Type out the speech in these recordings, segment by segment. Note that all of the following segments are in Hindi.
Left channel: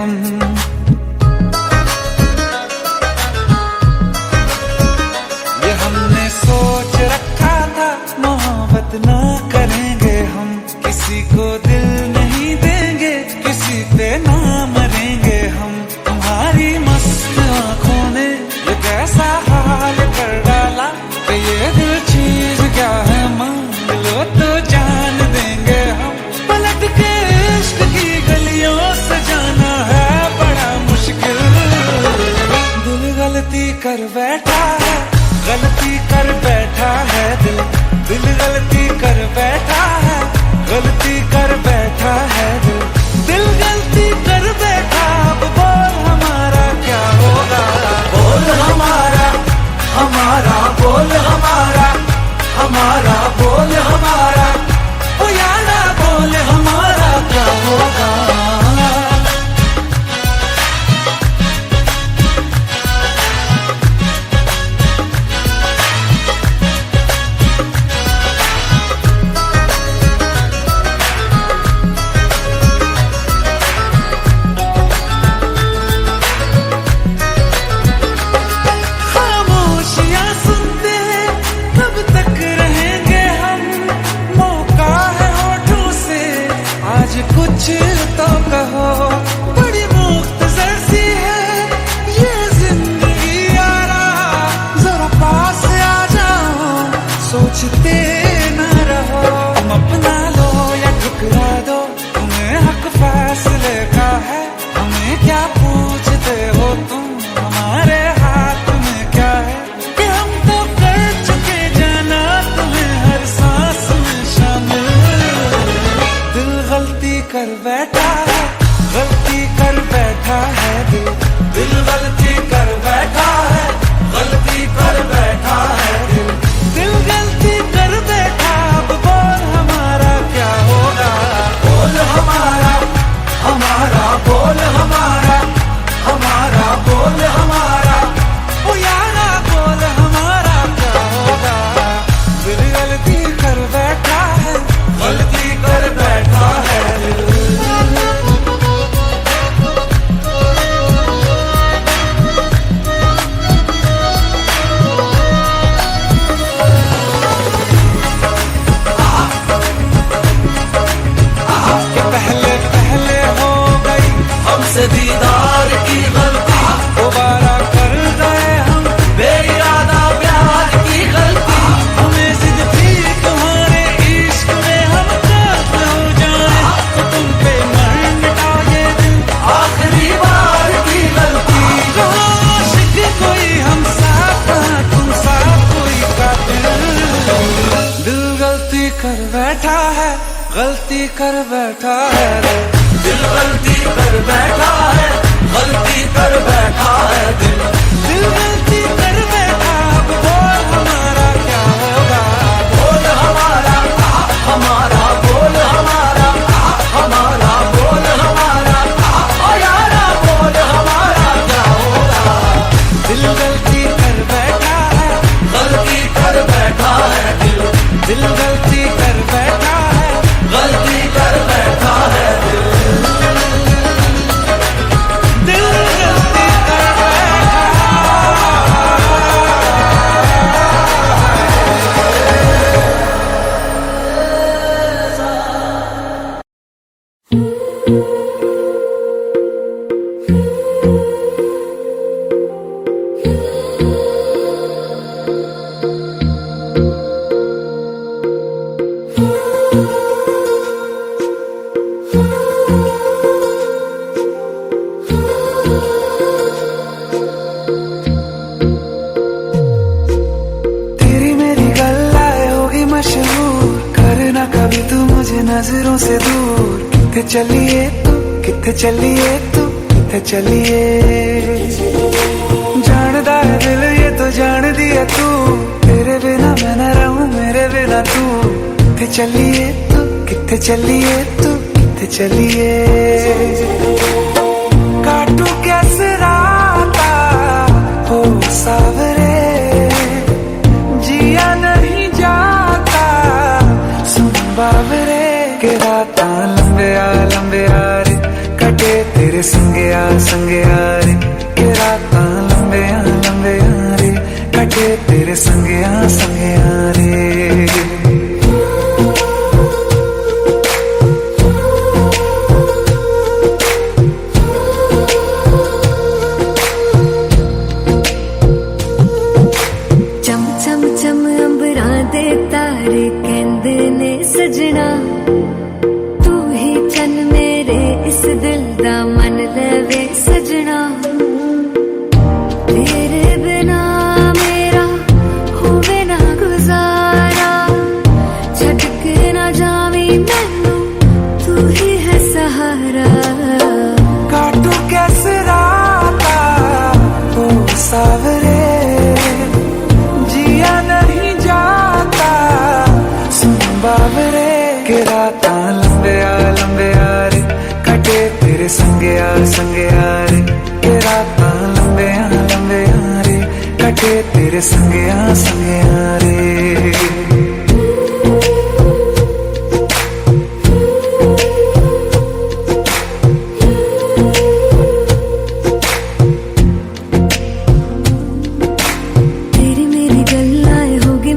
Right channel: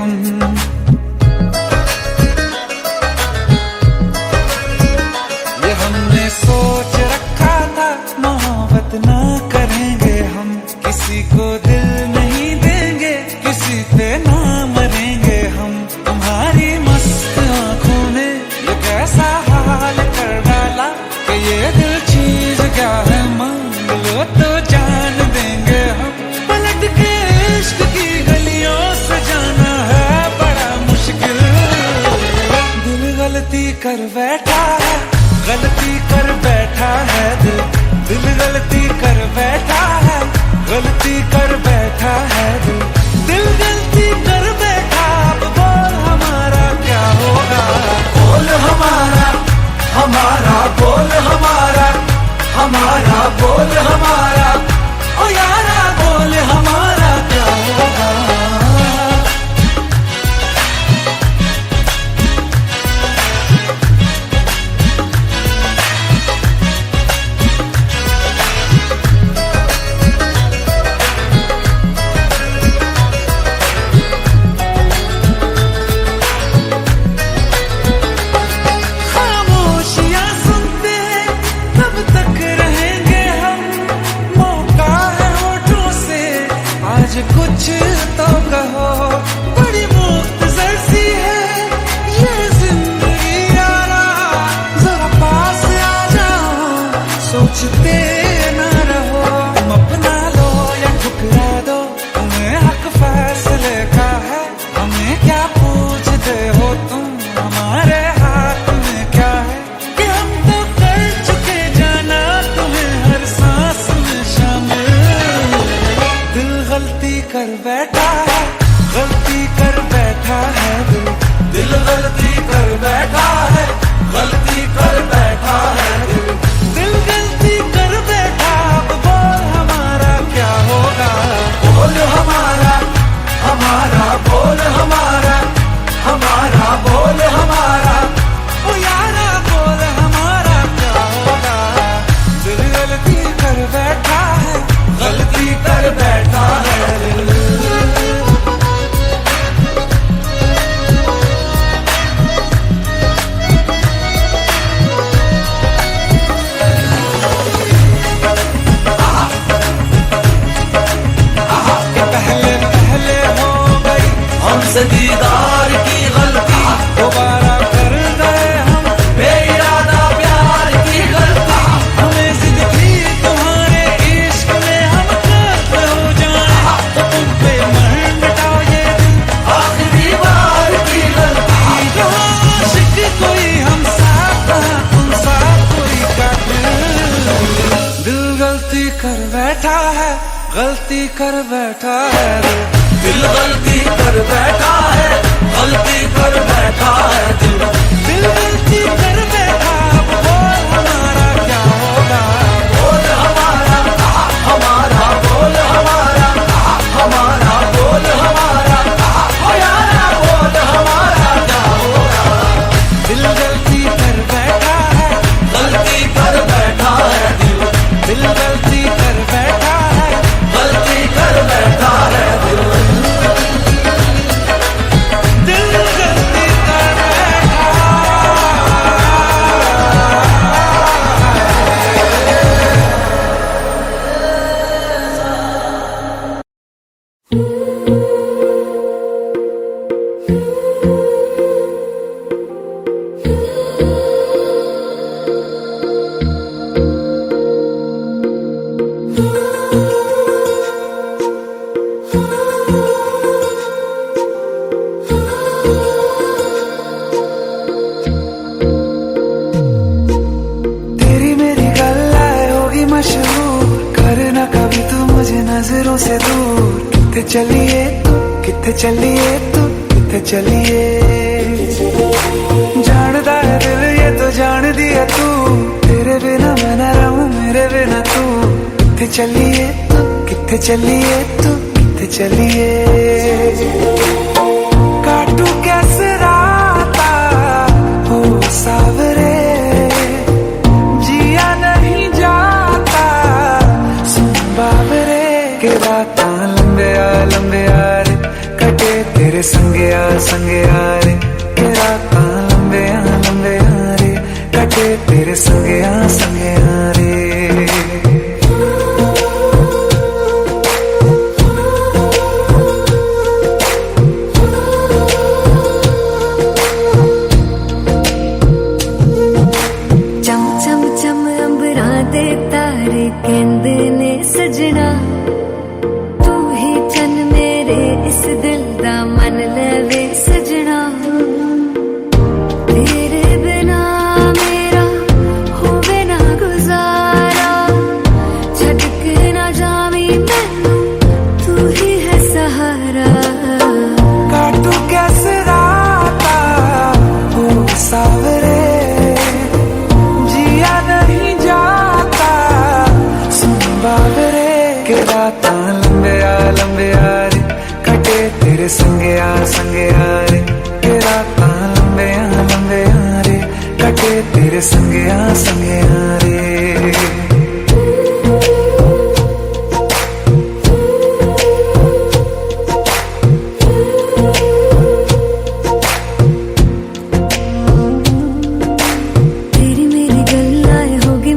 हम। ये हमने सोच रखा था मोहब्बत ना करेंगे हम, किसी को दिल नहीं देंगे, किसी पे ना मरेंगे हम। तुम्हारी मस्त आंखों ने ये कैसा हाल कर डाला कि ये दिल चीज क्या है मांग लो तो जान देंगे हम। पलट के इश्क की गलियों से जाना है बड़ा मुश्किल। दिल गलती कर बैठा है, गलती कर बैठा है दिल। दिल गलती कर बैठा है, गलती कर बैठा है दिल। दिल गलती कर बैठा, अब बोल हमारा क्या होगा। बोल हमारा, हमारा बोल हमारा, हमारा बोल हमारा, ओ यारा बोल हमारा क्या होगा। कुछ तो कहो, बड़ी मुख्तसर सी है ये जिंदगी यारा। जरा पास आ जाओ, सोचते न रहो। तुम अपना लो या ठुकरा दो, तुम्हें हक फैसले का है। हमें क्या पूछते हो तुम, हमारे हाथ में क्या है। कि हम तो कर चुके जाना तुम्हें हर सांस में शामिल। दिल गलती कर बैठा है, गलती कर बैठा है दिल। दिल गलती कर बैठा है, गलती कर बैठा है दिल। दिल गलती कर बैठा, अब बोल हमारा क्या होगा। बोल हमारा, हमारा बोल हमारा, हमारा बोल हमारा, ओ यारा बोल हमारा क्या होगा। दिल गलती कर बैठा है, गलती कर बैठा है दिल। पहले पहले हो गई हमसे दीदार की गलती, दोबारा कर गए हम बेइरादा प्यार की गलती। हमें जिद थी तुम्हारे इश्क में हम कर्म हो जाए, तो तुम पे मर मिटाओ ये दिल आखिरी बार की गलती। कहाँ आशिक कोई हम साथ, कहाँ तुम साथ कोई कातिल। दिल गलती कर बैठा है, गलती कर बैठा है दिल। दिल गलती कर बैठा है, गलती कर बैठा है दिल। दिल गलती कर बैठा, अब बोल हमारा क्या होगा। बोल हमारा, हमारा बोल हमारा, हमारा बोल हमारा, ओ यारा बोल हमारा क्या होगा। दिल गलती कर बैठा है, गलती कर बैठा है दिल। दिल गलती कर बैठा है, गलती कर बैठा है दिल। दिल गलती कर बैठा मशहूर करना कभी तू मुझे नजरों से दूर। किथे चलिए तू, किथे चलिए तू, किथे चलिए। जानदा है दिल ये तो जान दिया तू, तेरे बिना मैं न रहूं मेरे बिना तू। किथे चलिए तू, किथे चलिए तू, किथे चलिए। काटू कैसे राता हो सावरे, जिया नहीं जाता सुन बाबरे। के रातां लंबे आ रे, कट कटे तेरे संगया संगया रे के रातां लंबिया लंबिया रे कटे तेरे संगया संगया रे। चम चम चम अंबरां दे तारे कहंदे ने सजना तू ही चन मेरे इस दिल दा मन लवे सजना। तेरे बिना मेरा होवे ना गुजारा छड़ के ना जावी मैनू तू ही है सहारा। काटू कैसे राता ओ सावरे जिया नहीं जाता सुन बावरे के रातां लंबिया लंबिया रे कटे तेरे संगया संगया रे के रातां लंबिया लंबिया रे कटे तेरे संगया संगया रे।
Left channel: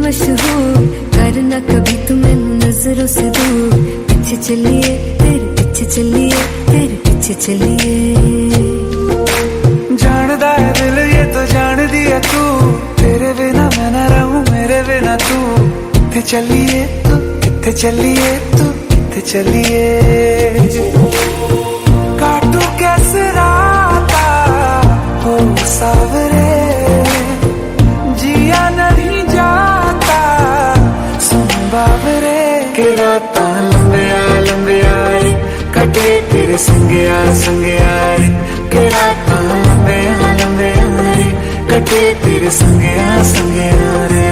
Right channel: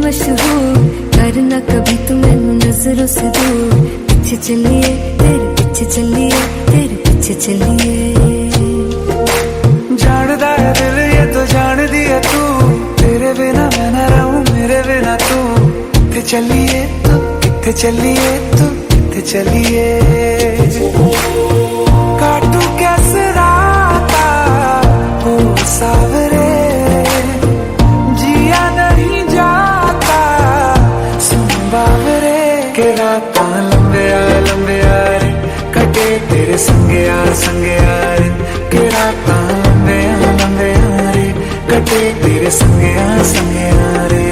मशहूर करना कभी तू मैनू नजरों से दूर पीछे चलिए तेरे पीछे चलिए तेरे पीछे चलिए। जानदा है दिल ये तो जान दिया तू तेरे बिना मैं ना रहूं मेरे बिना तू किथे चलिए तू किथे चलिए तू किथे चलिए। काटू कैसे राता ओ सावरे जिया नहीं जाता सुन बावरे के रातां लंबिया लंबिया रे कटे तेरे संगया संगया रे के रातां लंबिया लंबिया रे कटे तेरे संगया संगया रे।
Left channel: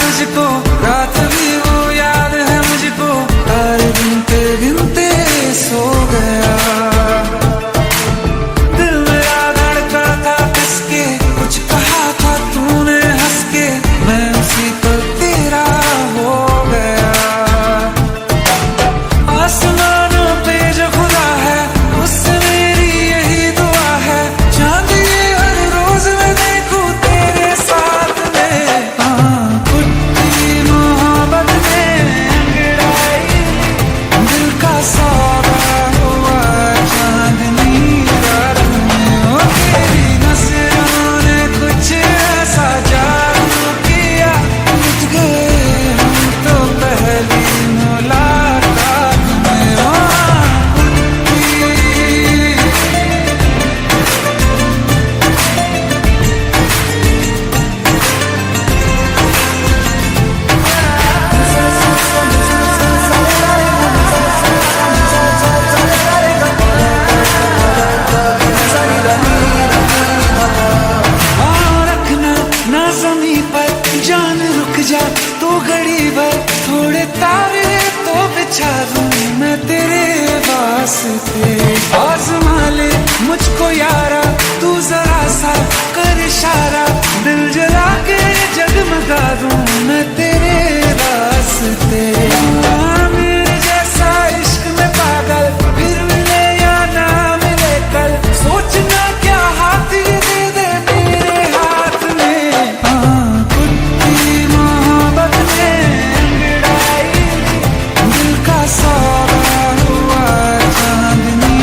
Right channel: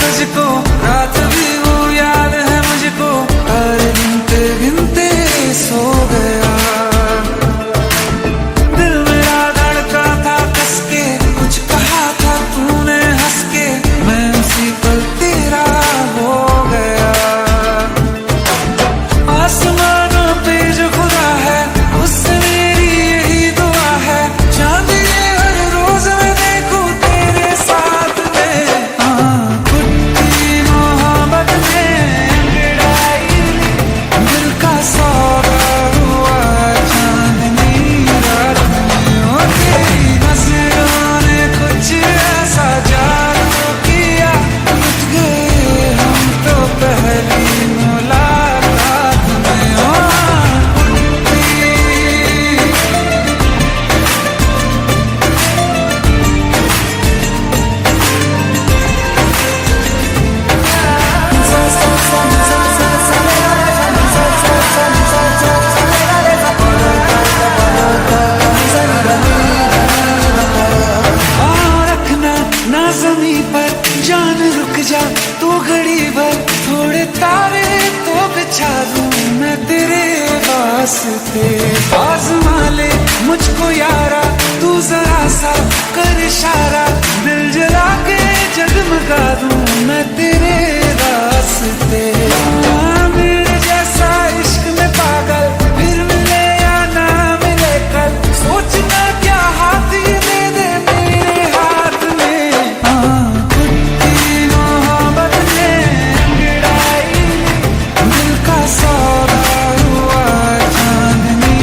तुझको रात भी वो याद है मुझको तारे गिनते गिनते सो गया दिल मेरा धड़का था कस के कुछ कहा था तूने हंस के मैं उसी पल तेरा हो गया। आसमानों पे जो खुदा है उससे मेरी यही दुआ है चांद ये हर रोज मैं देखूं तेरे साथ में। सौदा हुआ चांदनी रात में ओ तेरी नजरों ने कुछ ऐसा जादू किया लुट गए हम तो पहली मुलाकात में। ओ ना ज़मीं पर जान रुक जा तो घड़ी भर थोड़े तारे तो बिछा दूं मैं तेरे वास्ते। आज़मा ले मुझको यारा तू जरा सा कर इशारा दिल जला के जगमगा दूं मैं तेरे रास्ते। मेरे जैसा इश्क में पागल फिर मिले या ना मिले कल सोचना क्या हाथ ये दे दे मेरे हाथ में। कुट्टी मोहब्बत ने अंगड़ाई ली दिल का सौदा हुआ चांदनी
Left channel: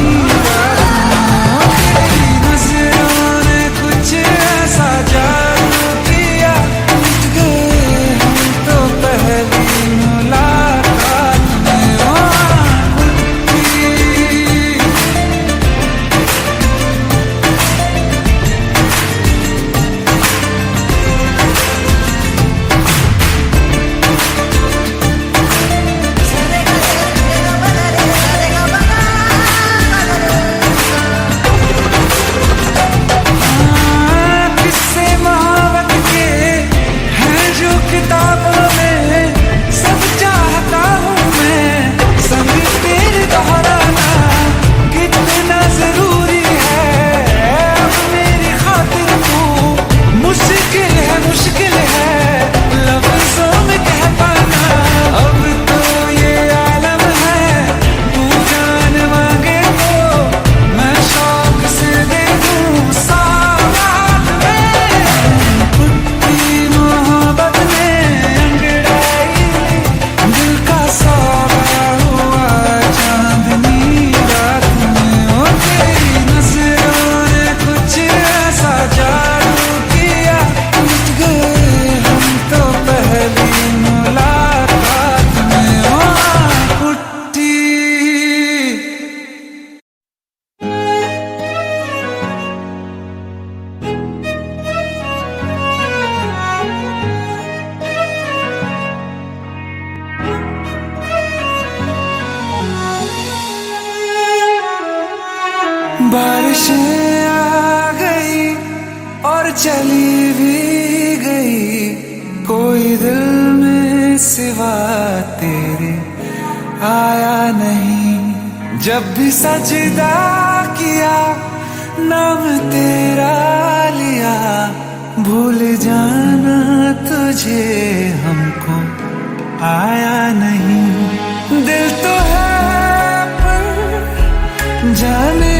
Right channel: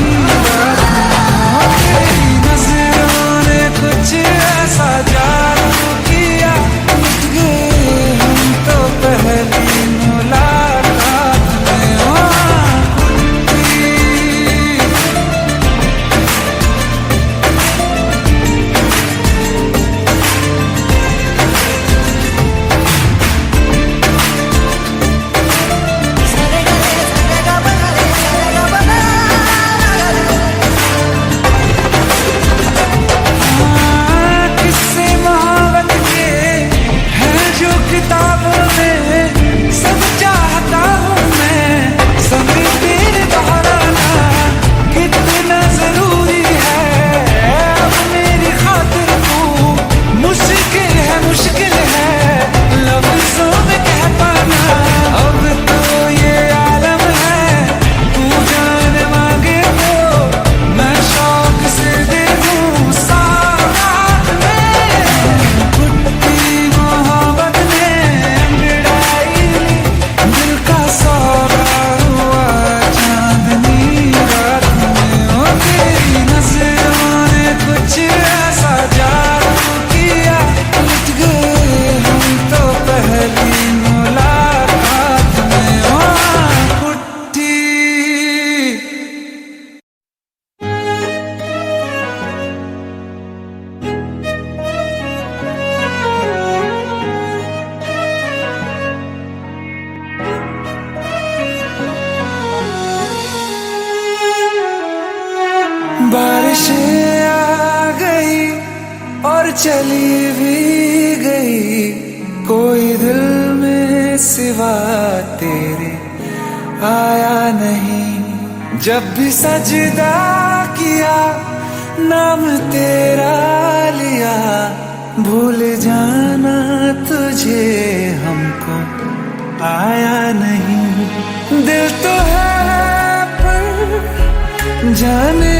बारिशें आ गई और चली भी गई, कोई दिल में सिवा तेरे आया नहीं। जब भी सजदा किया नाम तेरा लिया, भूल जाना तुझे हमको आया नहीं। दिल तो है पर जाने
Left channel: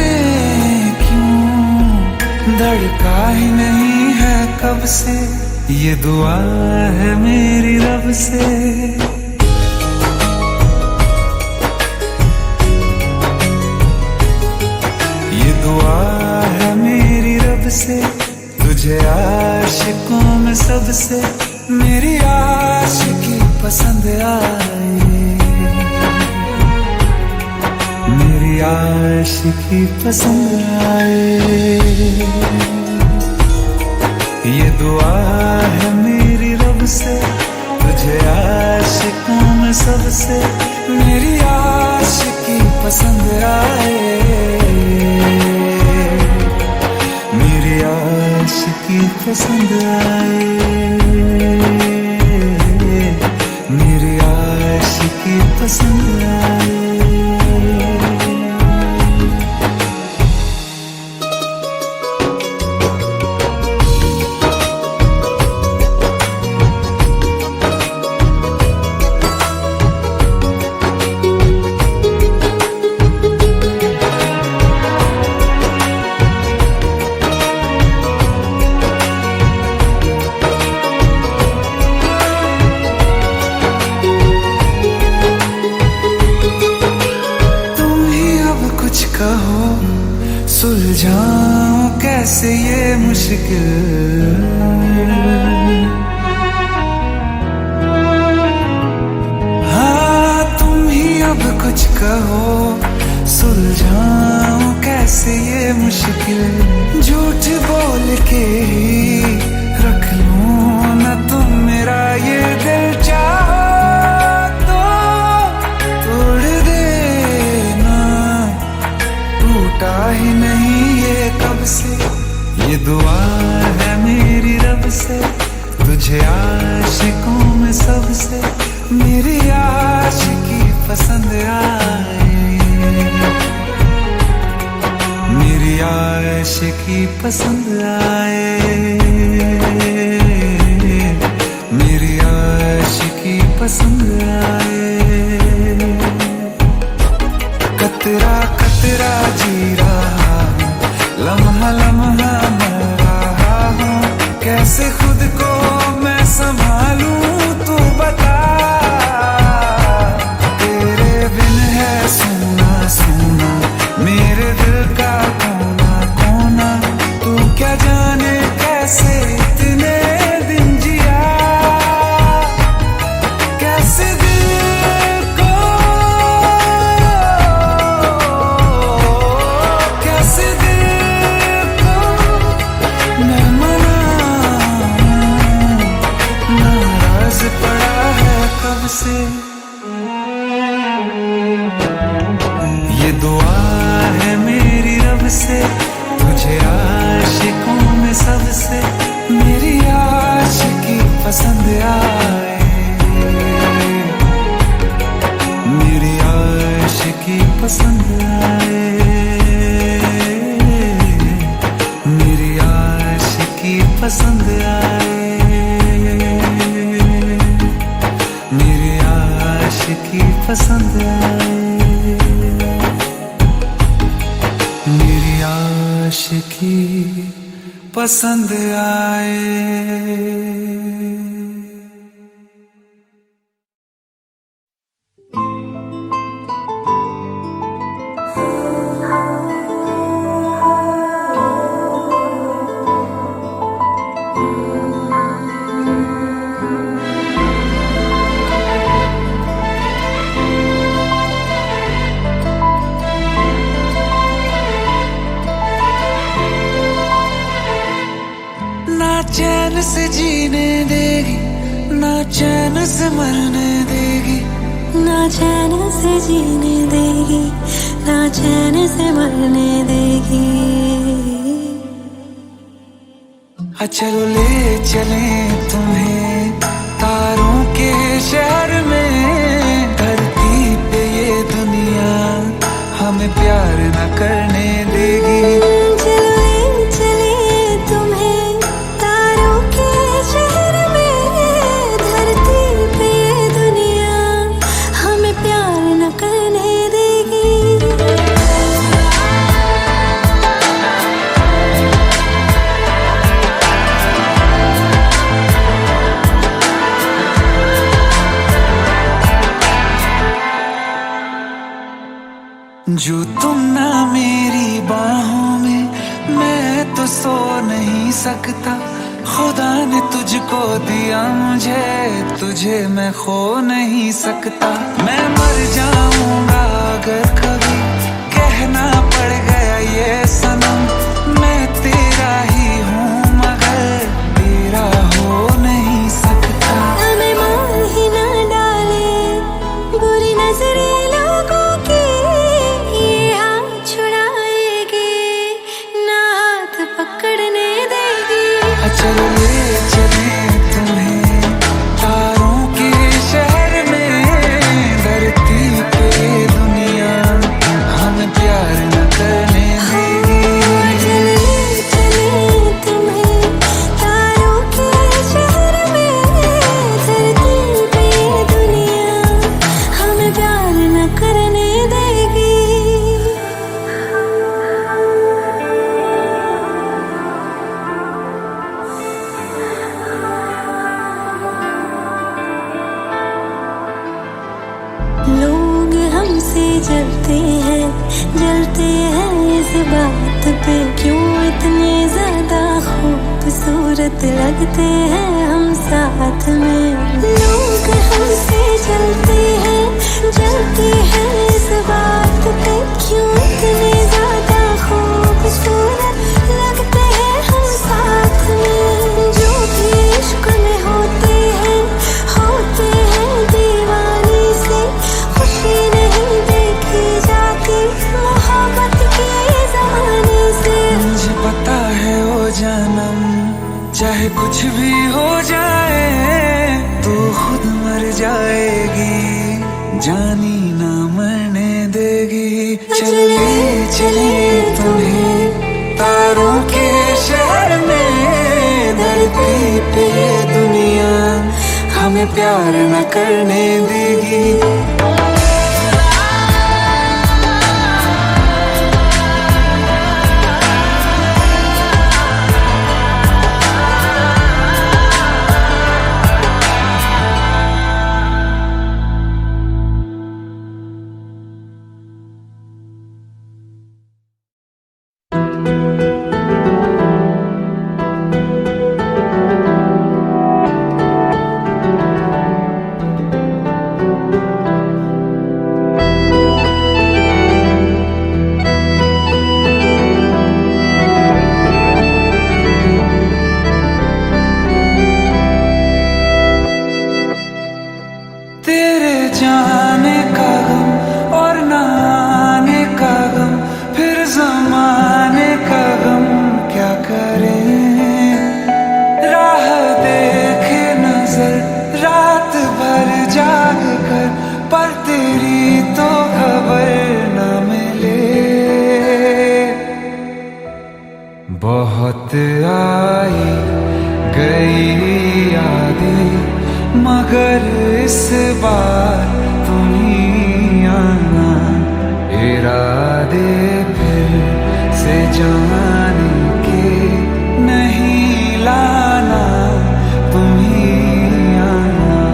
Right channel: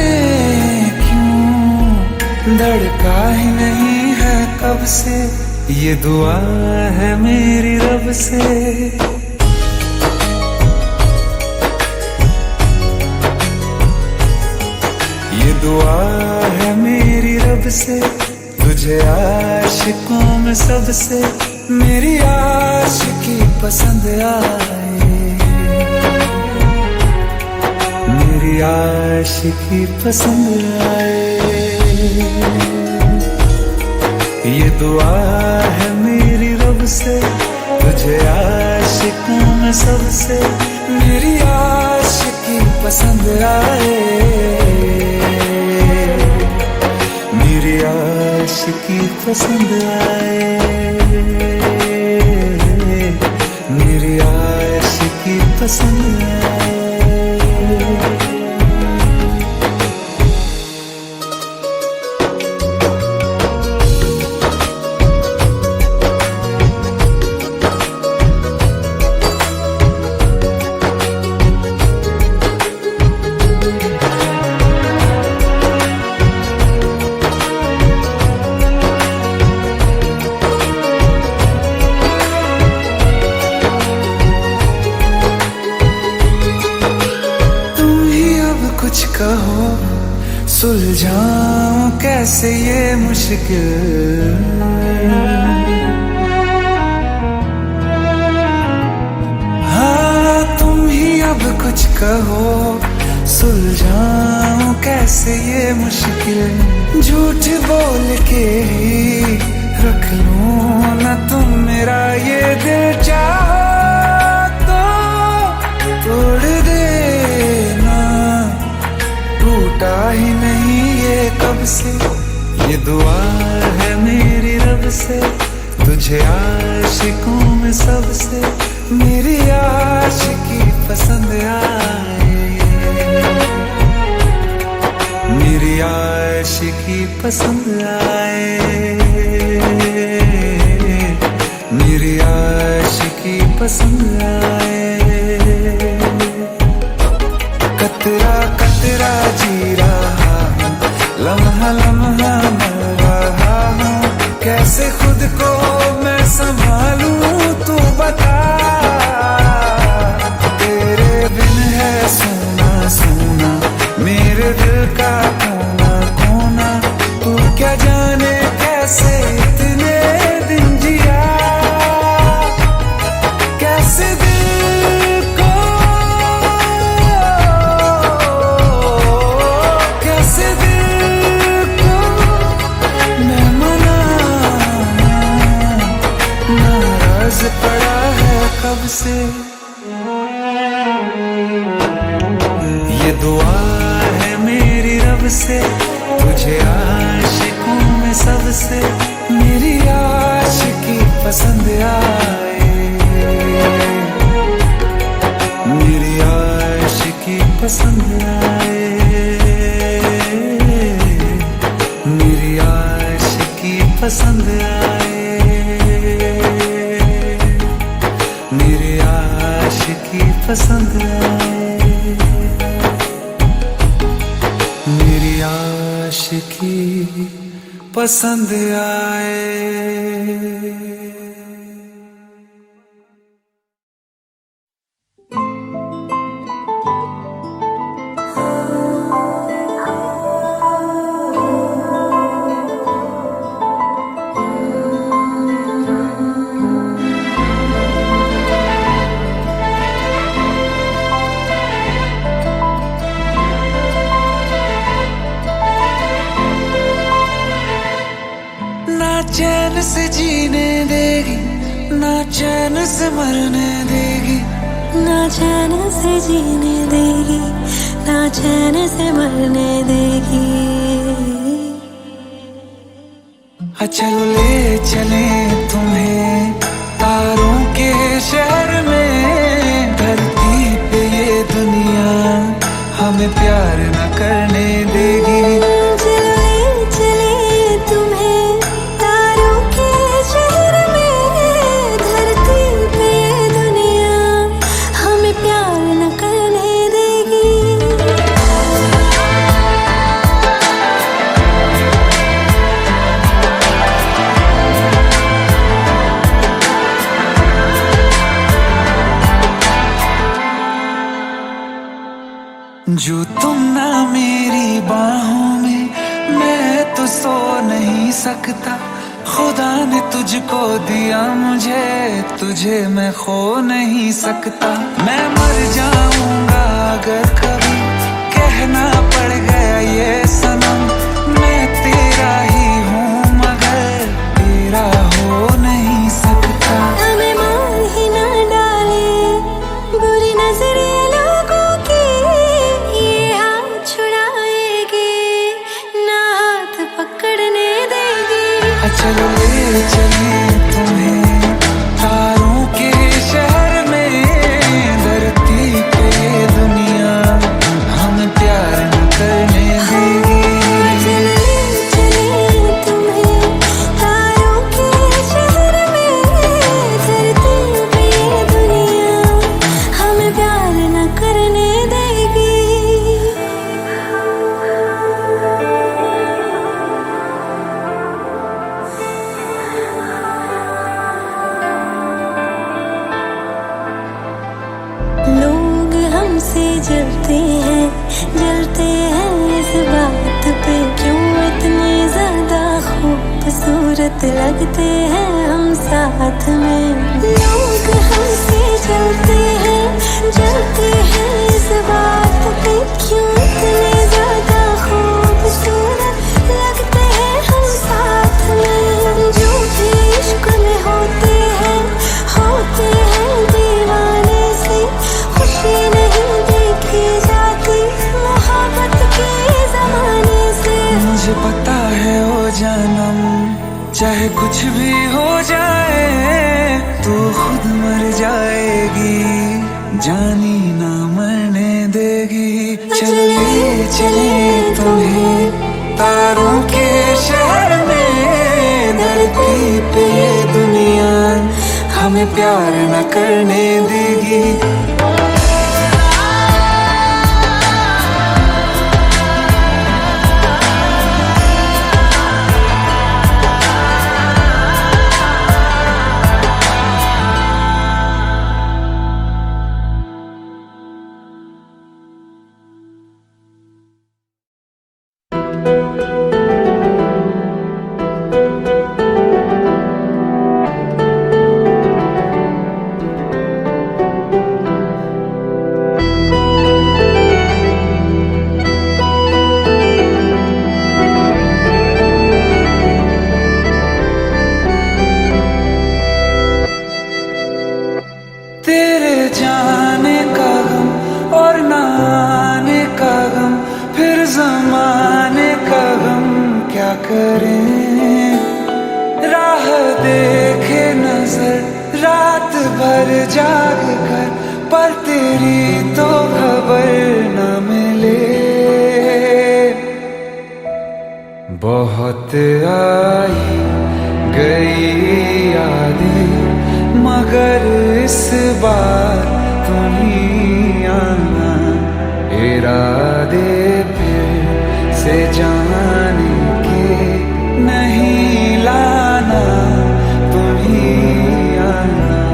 क्यों धड़का ही नहीं है कब से, ये दुआ है मेरी रब से। ये दुआ है मेरी रब से, तुझे आशिकों में सबसे मेरी आशिकी पसंद आए, मेरी आशिकी पसंद आए। ये दुआ है मेरी रब से, तुझे आशिकों में सबसे मेरी आशिकी पसंद आए, मेरी आशिकी पसंद आए, मेरी आशिकी पसंद आए। कुछ कहो सुलझाऊं कैसे ये मुश्किल, हाँ तुम ही अब कुछ कहो सुलझाऊं कैसे ये मुश्किल। झूठ बोल के ही रख लूं न तुम मेरा ये दिल, चाहो तो तोड़ देना, टूटा ही नहीं ये कब से। ये दुआ है मेरी रब से, तुझे आशिकों में सबसे मेरी आशिकी पसंद आए, मेरी आशिकी पसंद आए, मेरी आशिकी पसंद आए। कतरा कतरा जी रहा हूँ, लम्हा लम्हा मर रहा हूँ, कैसे खुद को मैं संभालूं तू बता। तेरे बिन है सोना सोना मेरे दिल का कोना कोना, तू क्या जाने कैसे इतने दिन जिया, कैसे दिल को कैसे दिल को मैं मनाऊं, नाराज पड़ा है कब से। ये दुआ है मेरी रब से, तुझे आशिकों में सबसे मेरी आशिकी पसंद आए, मेरी आशिकी पसंद आए, मेरी आशिकी पसंद आए, मेरी आशिकी पसंद आए, मेरी आशिकी पसंद आए। ना चैन से जीने देगी, ना चैन से मरने देगी, ना चैन से जीने देगी, ना चैन से मरने देगी। चलो ले चले तुम्हें तारों के शहर में। धरती पे ये दुनिया हमें प्यार न करने देगी। चलो ले चले तुम्हें तारों के शहर में। धरती पे ये दुनिया हमें प्यार न करने देगी। जो तुम ना मेरी बाहों में मैं तो सो नहीं सकता। खुदा ने तुझको दिया मुझे, तुझे मैं खो नहीं सकता। मैं मर जाऊंगा अगर कभी कहना पड़ गया ये सनम। मैं तेरा ही हूँ मगर तेरा हो नहीं सकता। हमें मार ही ना डाले बुरी नजरे लोगों की, ये हाथ छुड़ाएगी ना हाथ पकड़ने देगी। चलो ले चले तुम्हें तारों के शहर में। धरती पे दुनिया हमें प्यार न करने देगी। चलो ले चले तुम्हें तारों के शहर में। धरती पे दुनिया हमें प्यार न करने देगी। लोग हमसे जलते हैं इस बात पे। क्यों इतने ज्यादा खूबसूरत लगते हैं हम साथ में। लोग हमसे जलते हैं इस बात पे। क्यों इतने ज्यादा खूबसूरत लगते हैं हम साथ में। जो भी इश्क में होते हैं दीवाने से। खुशी नहीं देखी जाती मोहब्बत के जमाने से। मुझे पता है ओ जानम चाहे कुछ भी हो जाए तू खुद मर जाएगी, जानी ना मरने देगी। चले चले तुम्हें तारों के शहर में। धरती पे दुनिया हमें प्यार न करने देगी। जाने का गम और न आने का गम, फिर जमाने का गम क्या करें। राह देखे नजर रात भर जाग कर, पर तेरी तो खबर न मिले। बहुत आई गई यादें मगर इस बार तुम ही आना। इरादे फिर से जाने के नहीं लाना, तुम ही आना।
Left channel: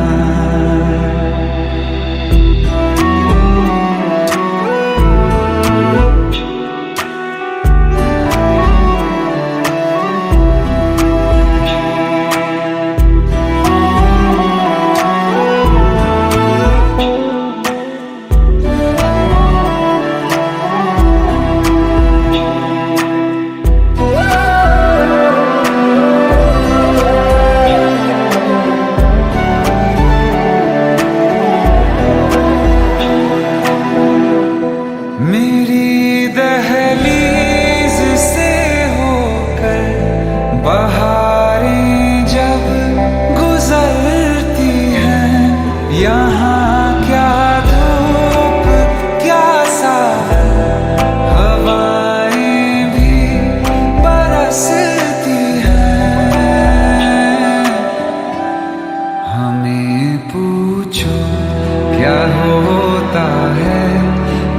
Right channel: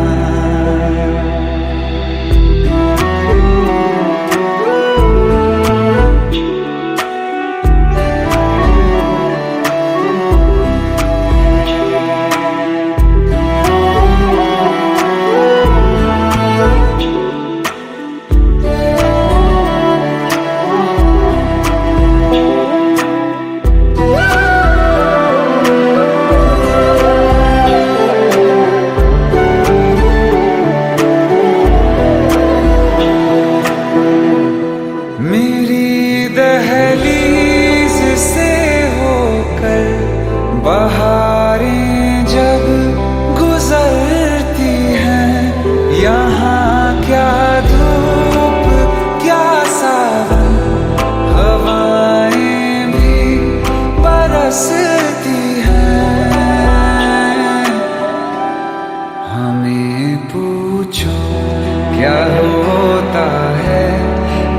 मेरी दहलीज से होकर बहारें जब गुजरती हैं, यहाँ क्या धूप क्या सावन, हवाएं भी बरसती हैं। हमें पूछो क्या होता है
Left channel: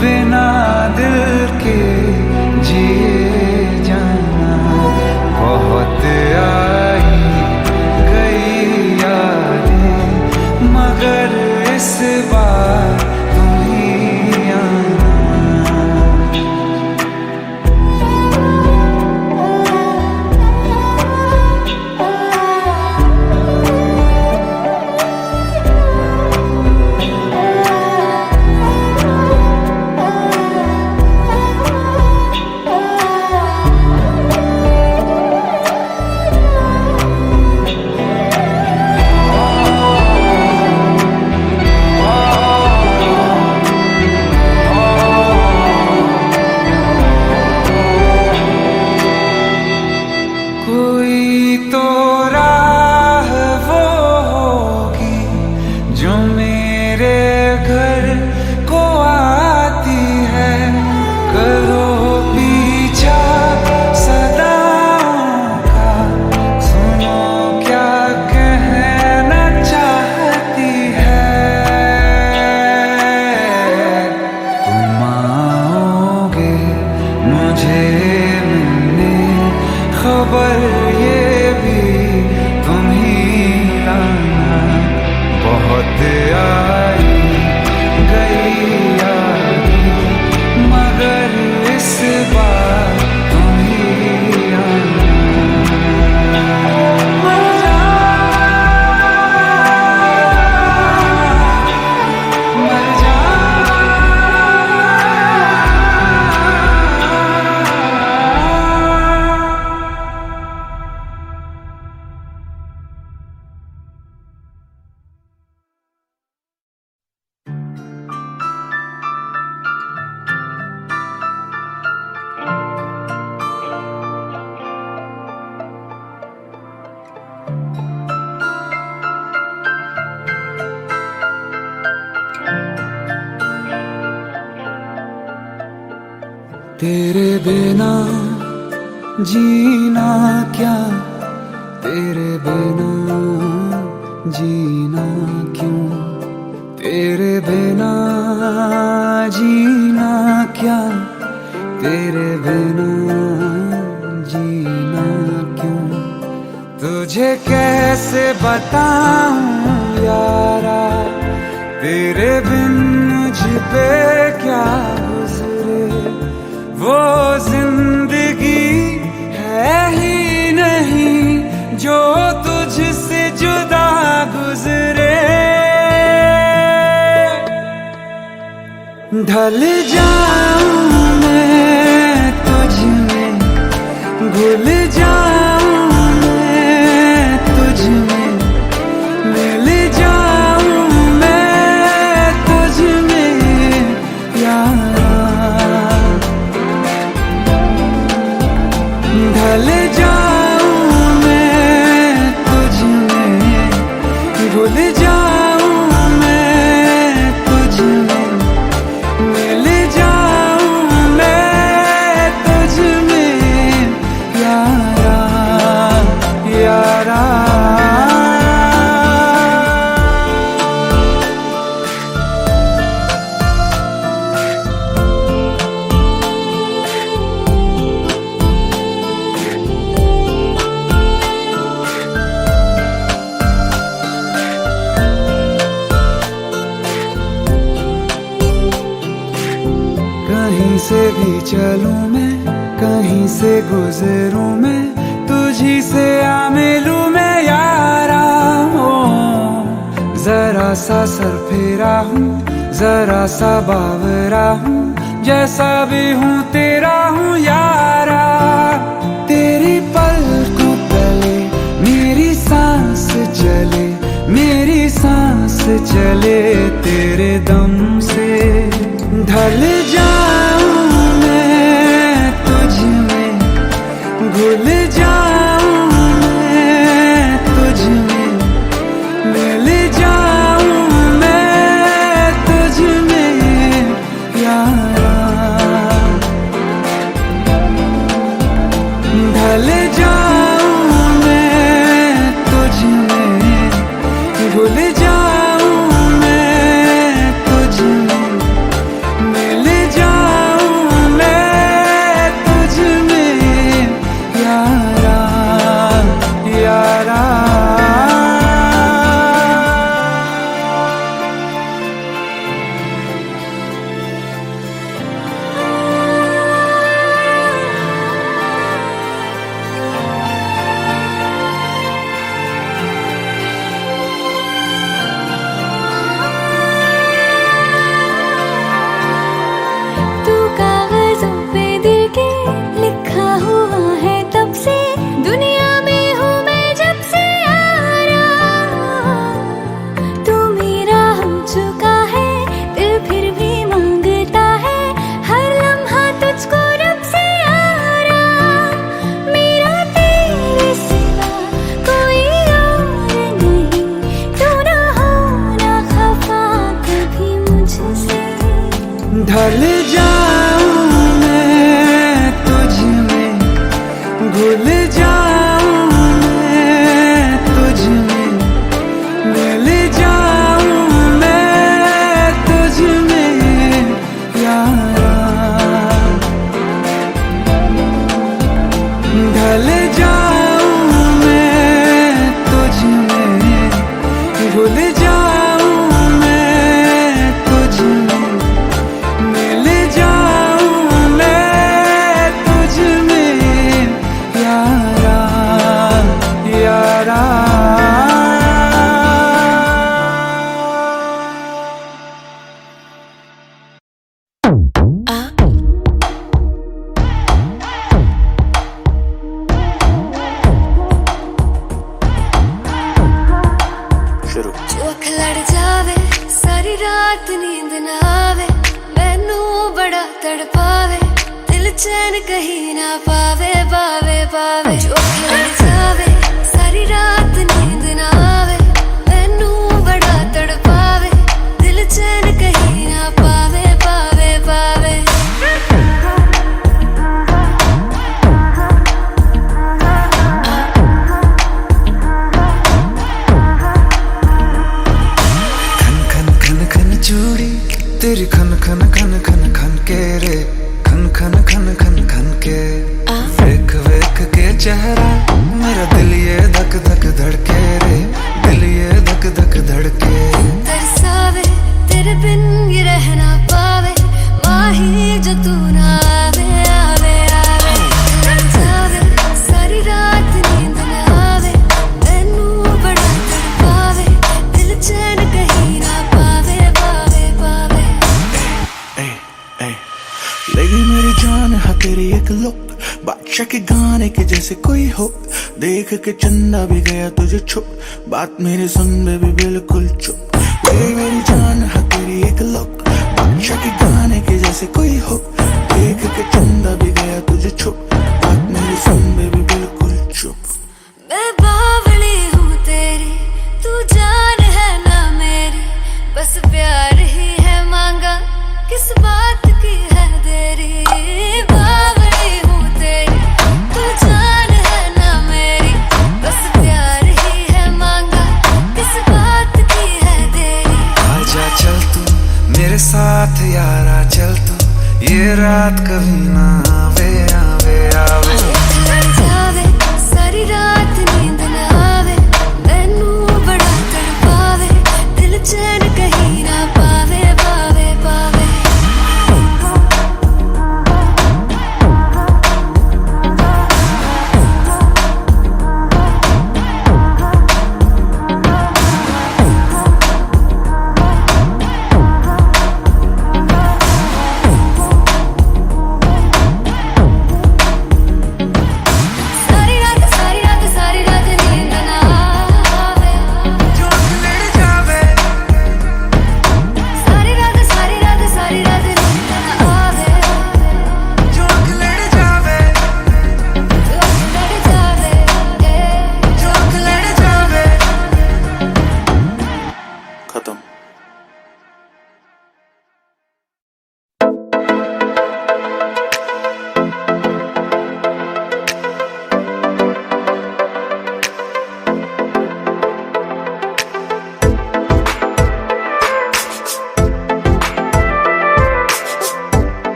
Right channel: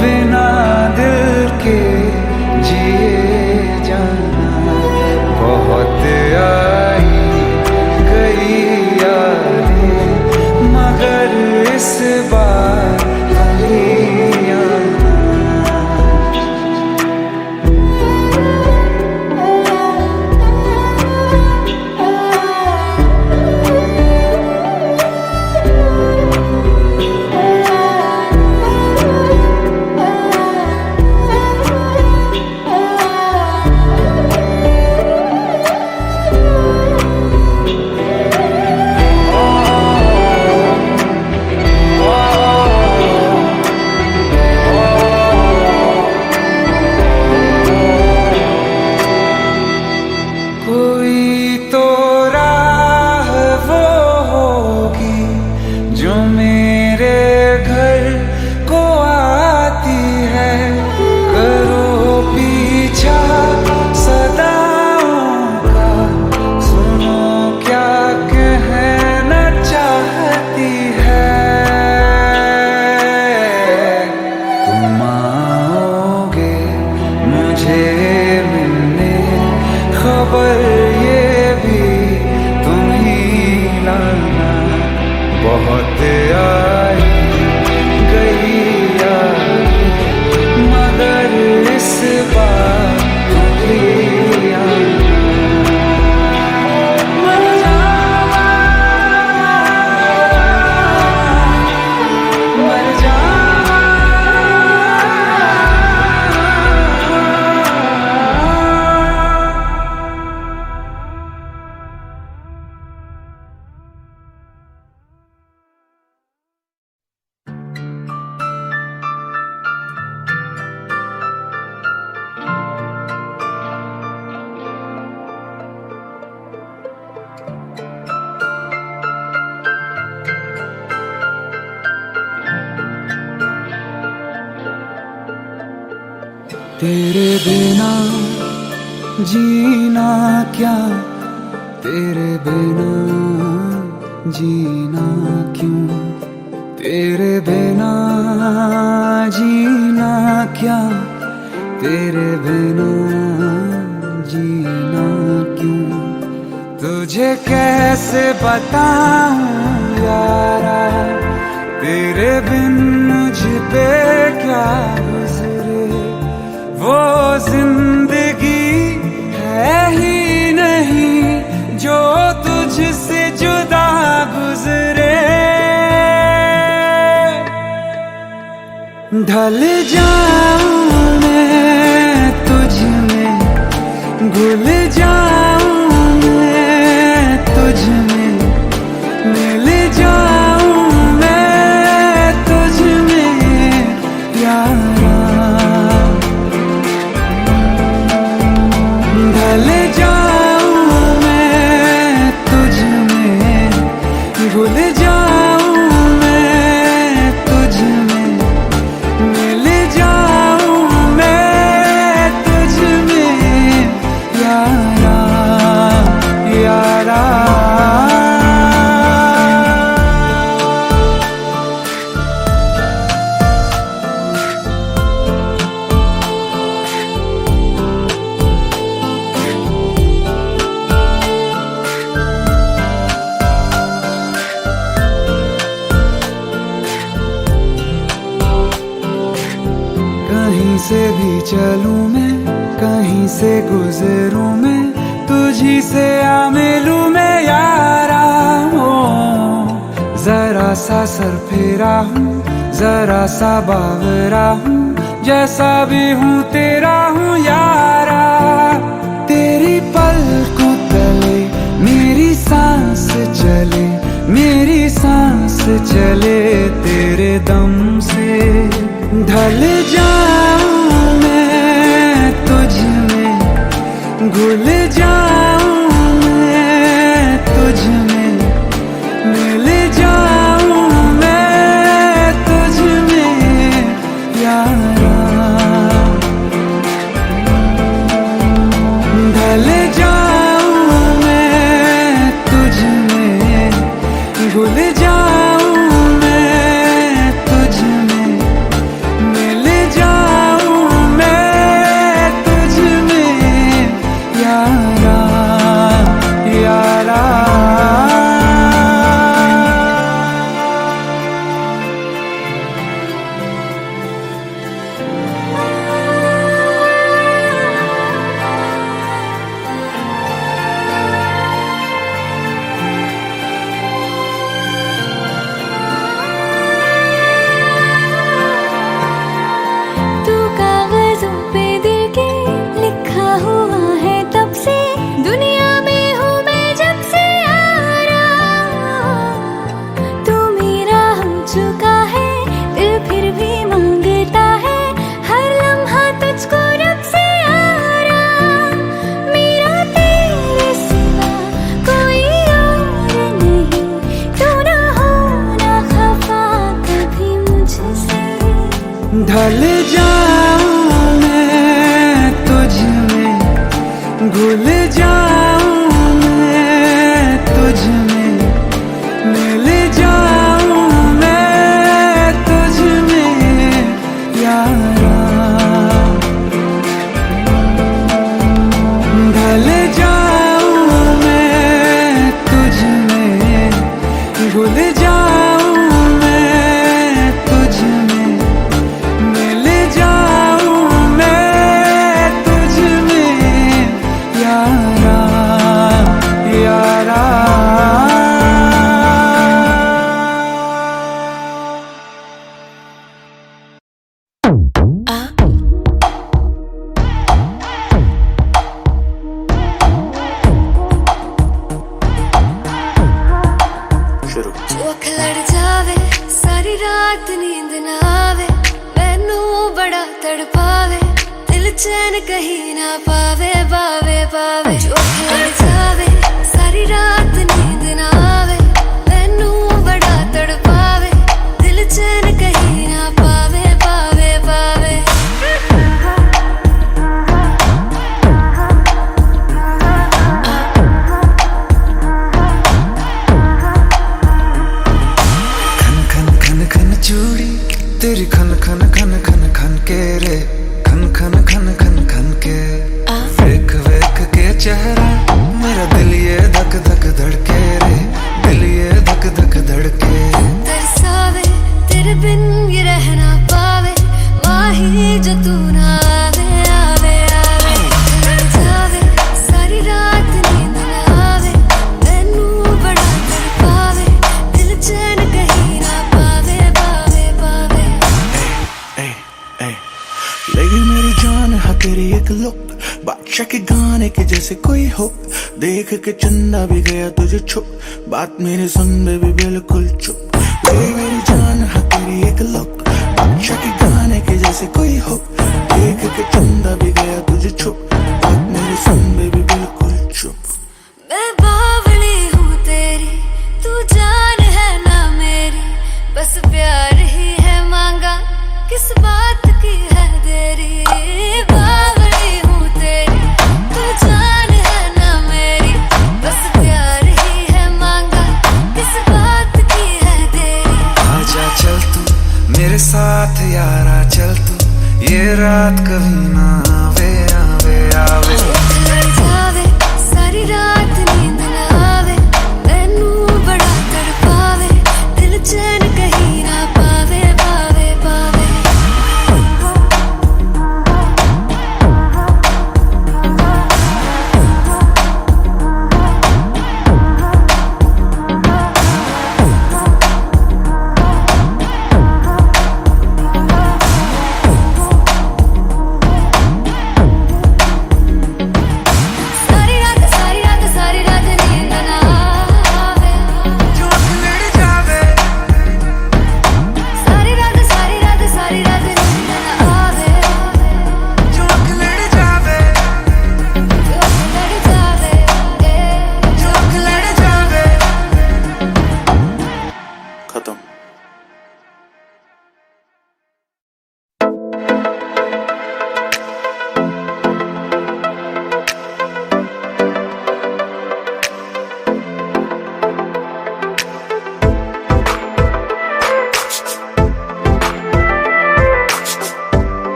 बिना दिल के जिए जाना। बहुत आई गई यादें मगर इस बार तुम ही आना। कोई तो राह वो होगी जो मेरे घर को आती है। करो पीछा सदाओं का, सुनो क्या कहना चाहती है। तुम आओगे मुझे मिलने, खबर ये भी तुम ही लाना। बहुत आई गई यादें मगर इस बार तुम ही आना। मर जावा, मर जावा। तेरे बिना जीना क्या, तेरे बिना जीना क्यों, तेरे बिना जीना क्या, तेरे बिना जीना क्यों। तुझे कैसे बताऊं यारा, तेरे बिन मुझ पे क्या गुजरे। वो जिंदगी है ही नहीं जो तुझसे जुदा गुजरे। ढल जाऊं मैं तुझ में, घुल जाऊं मैं तुझ में, मिल जाऊं मैं तुझ में यारा। ढल जाऊं मैं तुझ में, भूल जाऊं मैं तुझ में, मिल जाऊं मैं तुझ में यारा, यारा। कहीं से भी चलूं मैं, कहीं से गुजरूं मैं, तुझी से आ मिलूं मैं यारा। हो जरा सा सर फेरा हूँ, जरा सा बावरा हूँ, जैसा भी हूँ तेरा हूँ यारा। तेरी पलकों तले मेरी सांस चले, मेरी सांस चले तेरे दम से। ढल जाऊं मैं तुझ में, घुल जाऊं ढल जाऊं मैं तुझ में, घुल जाऊं मैं तुझ में, मिल जाऊं मैं तुझ में यारा यारा। ढल जाऊं मैं तुझ में, घुल जाऊं मैं तुझ में, मिल जाऊं मैं तुझ में यारा। ढल जाऊं मैं तुझ में, घुल जाऊं मैं तुझ में, मिल जाऊं मैं तुझ में यारा यारा। जो अख लड़ जावे सारी रात नींद ना आवे, मैनू बड़ा तड़पावे, दिल चैन कहीं ना पावे पावे पावे। जो अख लड़ जावे सारी रात नींद ना आवे, मैनू बड़ा तड़पावे, दिल चैन कहीं ना पावे पावे पावे। चूड़ी तेरी खन खन खन खन खन के रे, खन खन खन खन खन के। वेख वेख के चेहरा मेरा दिल ये धक धक धड़के रे, दिल ये धक धक धड़के। तरसावे तेरे बिन ये रह ना पावे, माही जो तू ना आवे आवे आवे। लड़ जावे सारी रात नींद ना आवे, मैनू बड़ा तड़पावे, दिल चैन कहीं ना पावे पावे पावे। लगी मेरी जान है तेरी एक लुक, बादशाह के गाने के जैसे कोई हो, देख के चंदा भी गया तुझे छुप, बात मेरे सुन बेबी बिल्कुल चुप। लगी मेरी जान है तेरी एक लुक, बादशाह के गाने के जैसे कोई हो, देख के चंदा भी गया तुझे छुप, बात मेरे सुन बेबी बिल्कुल चुप। मैं बावली हूँ तेरी, तू जान है ना मेरी, बस प्यार ही है मांगा, किस बात की है देरी। बावली हूँ तेरी, तू जान है ना मेरी, बस प्यार ही है मांगा, किस बात की है देरी। आजा चल तू मेरे साथ यारा, चल तू ये रात कभी ना आवे आवे आवे। लड़ जावे सारी रात नींद ना आवे, मैनू बड़ा तड़पावे, दिल चैन कहीं ना पावे पावे पावे।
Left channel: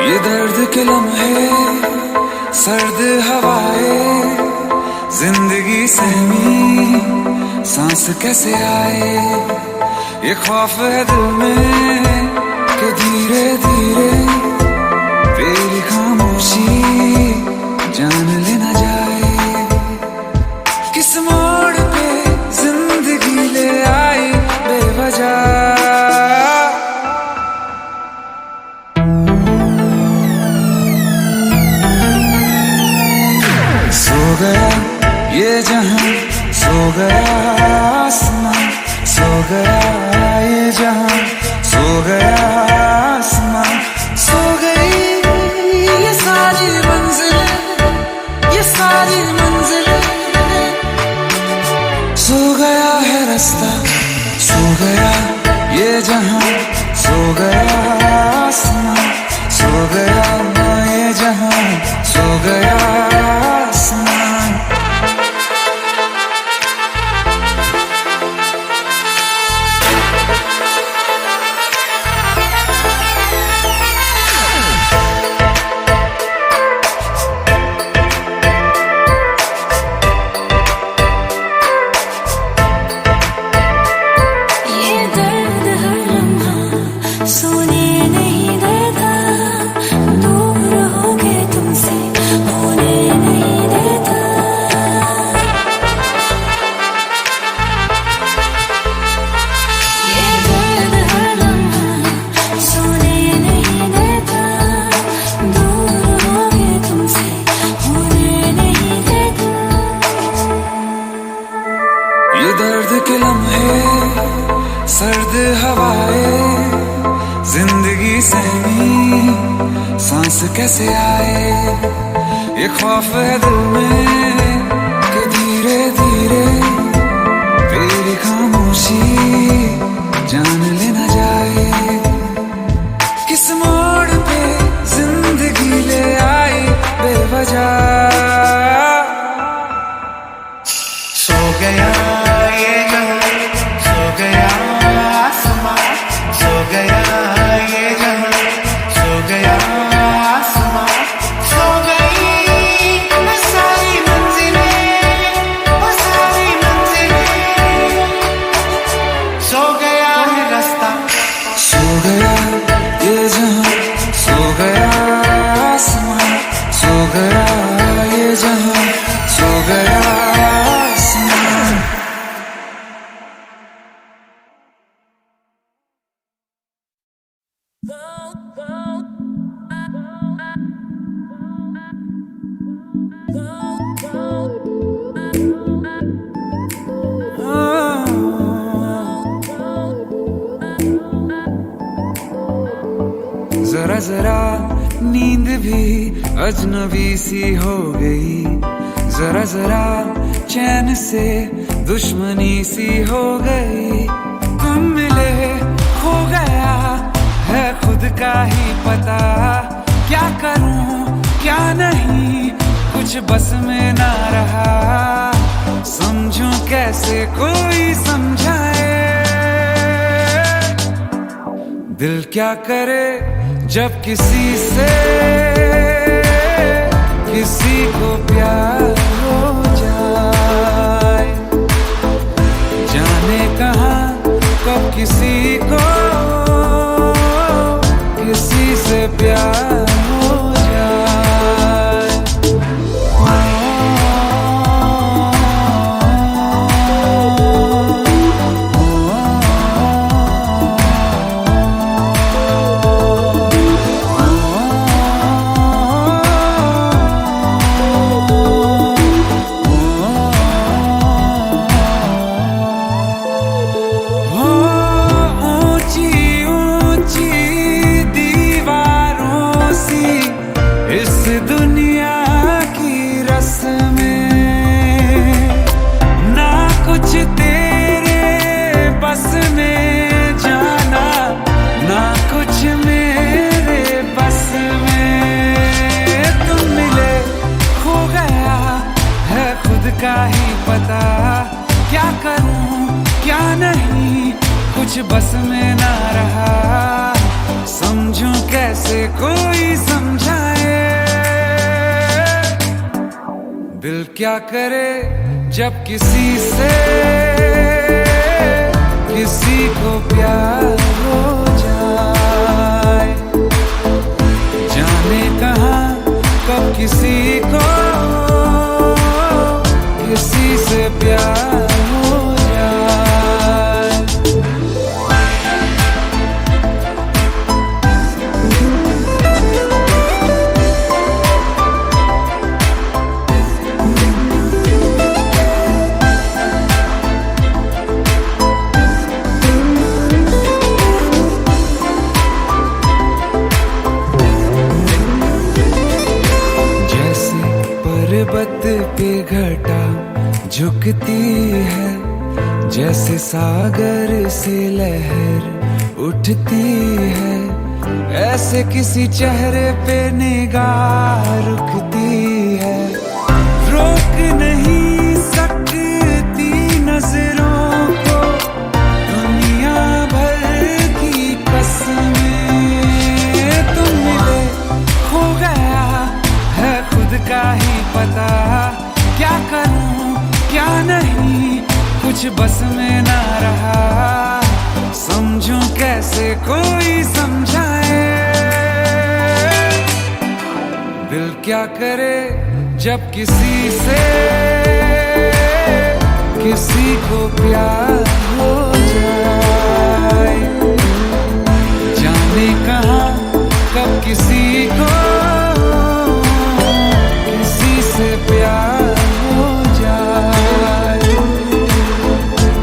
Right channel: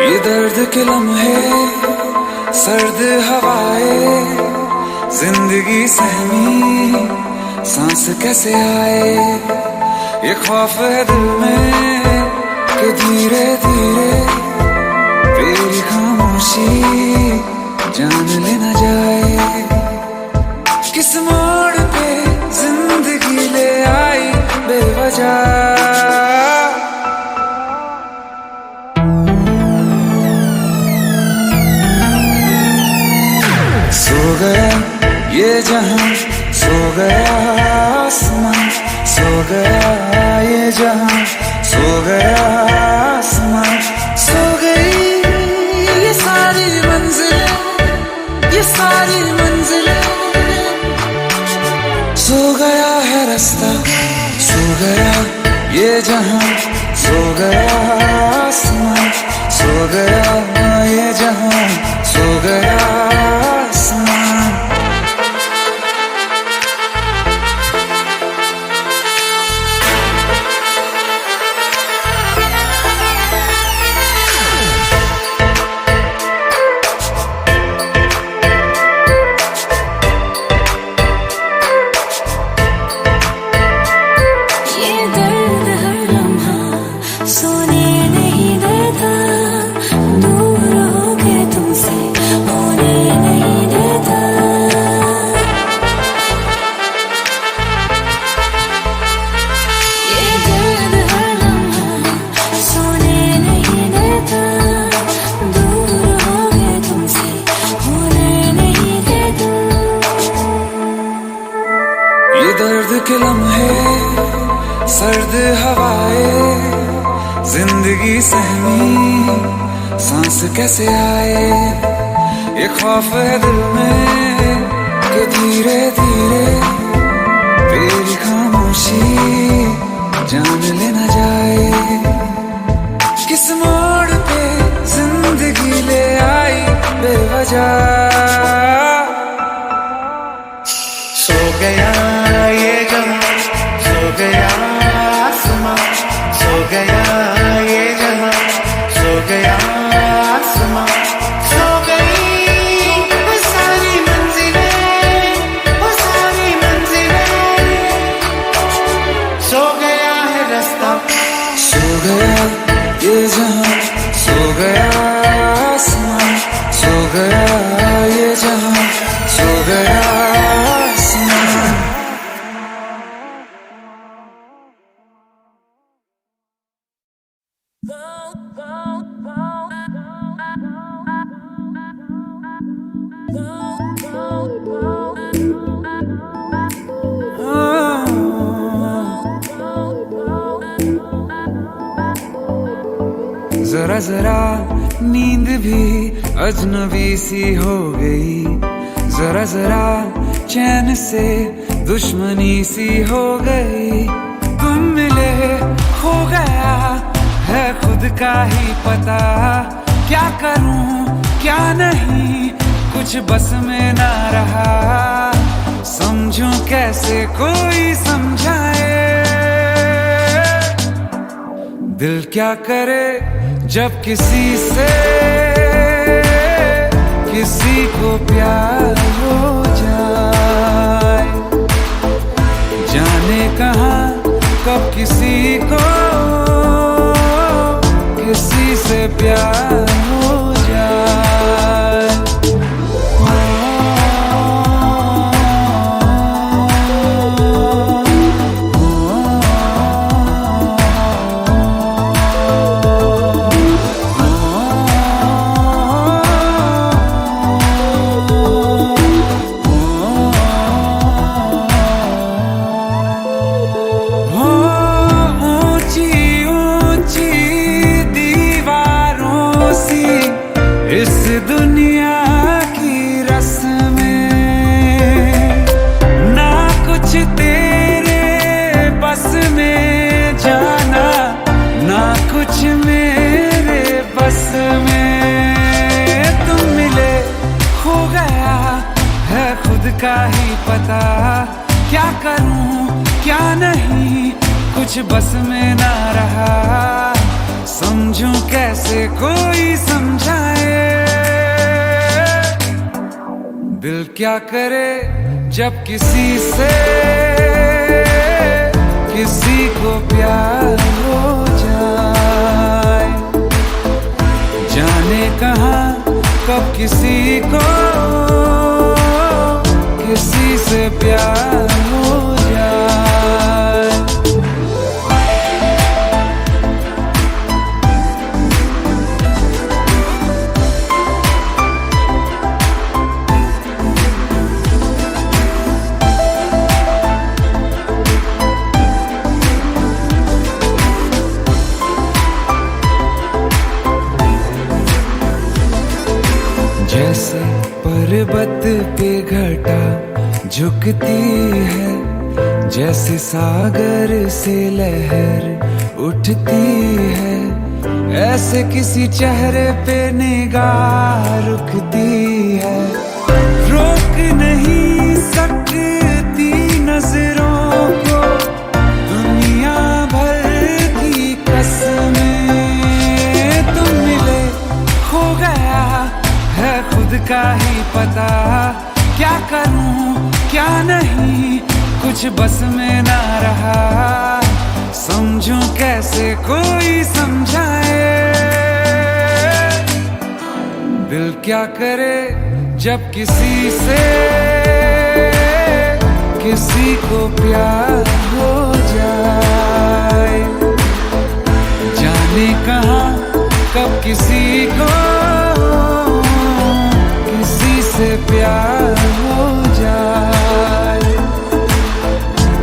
ये दर्द के लम्हे, सर्द हवाएं, जिंदगी सहमी सांस कैसे आए। ये खौफ है दिल में कि धीरे धीरे तेरी खामोशी जान लेना जाए। किस मोड़ पे जिंदगी ले आई बेवजह। सो गया ये जहां, सो गया आसमां, सो गया ये जहां, सो गया आसमां, सो गई ये सारी मंजिलें, ये सारी मंजिलें। सो गया है रास्ता, सो गया ये जहां, सो गया आसमां, सो गया ये जहां, सो गया आसमां। ये दर्द के लम्हे, सर्द हवाएं, जिंदगी सहमी सांस कैसे आए। ये खौफ है दिल में कि धीरे धीरे तेरी खामोशी जान लेना जाए। किस मोड़ पे जिंदगी ले आई बेवजह। सो गया ये जहां, सो गया आसमां, सो गया ये जहां, सो गया आसमां, सो गई वो सारी मंजिलें, वो सारी मंजिलें। सो गया है रास्ता, सो गया ये जहां, सो गया आसमां, सो गया ये जहां, सो गया आसमां। जरा जरा नींद भी अजनबी सी हो गई, जरा जरा चैन से दुश्मनी सी हो गई। तुम मिले खो गया है खुद का ही पता, क्या करूं क्या नहीं कुछ बस में ना रहा। समझूं कैसे कोई समझाए, दिल क्या करे जब किसी से किसी को प्यार हो जाए। जाने कहां कब किसी को किसी से प्यार हो जाए। इस दुनिया की रस्में ना कुछ तेरे बस में जाना, ना कुछ मेरे बस में। तुम मिले खो गया है खुद का ही पता, क्या करूं क्या नहीं कुछ बस में ना रहा, समझूं कैसे कोई समझाए। दिल क्या करे जब किसी से किसी को प्यार हो जाए, जाने कहाँ कब किसी को किसी से प्यार हो जाए। जैसे पर्वत पे घटा झुकती है, जैसे सागर से लहर उठती है, ऐसे किसी चेहरे पे निगाह रुकती है। रोक नहीं सकती नजरों को दुनिया भर की कसमें, तुम मिले हो गया है खुद का ही पता, क्या करूं क्या नहीं कुछ बस में ना रहा, समझूं कैसे कोई समझाए। दिल क्या करे जब किसी से किसी को प्यार हो जाए, जाने कहाँ कब किसी को किसी से प्यार हो जाए,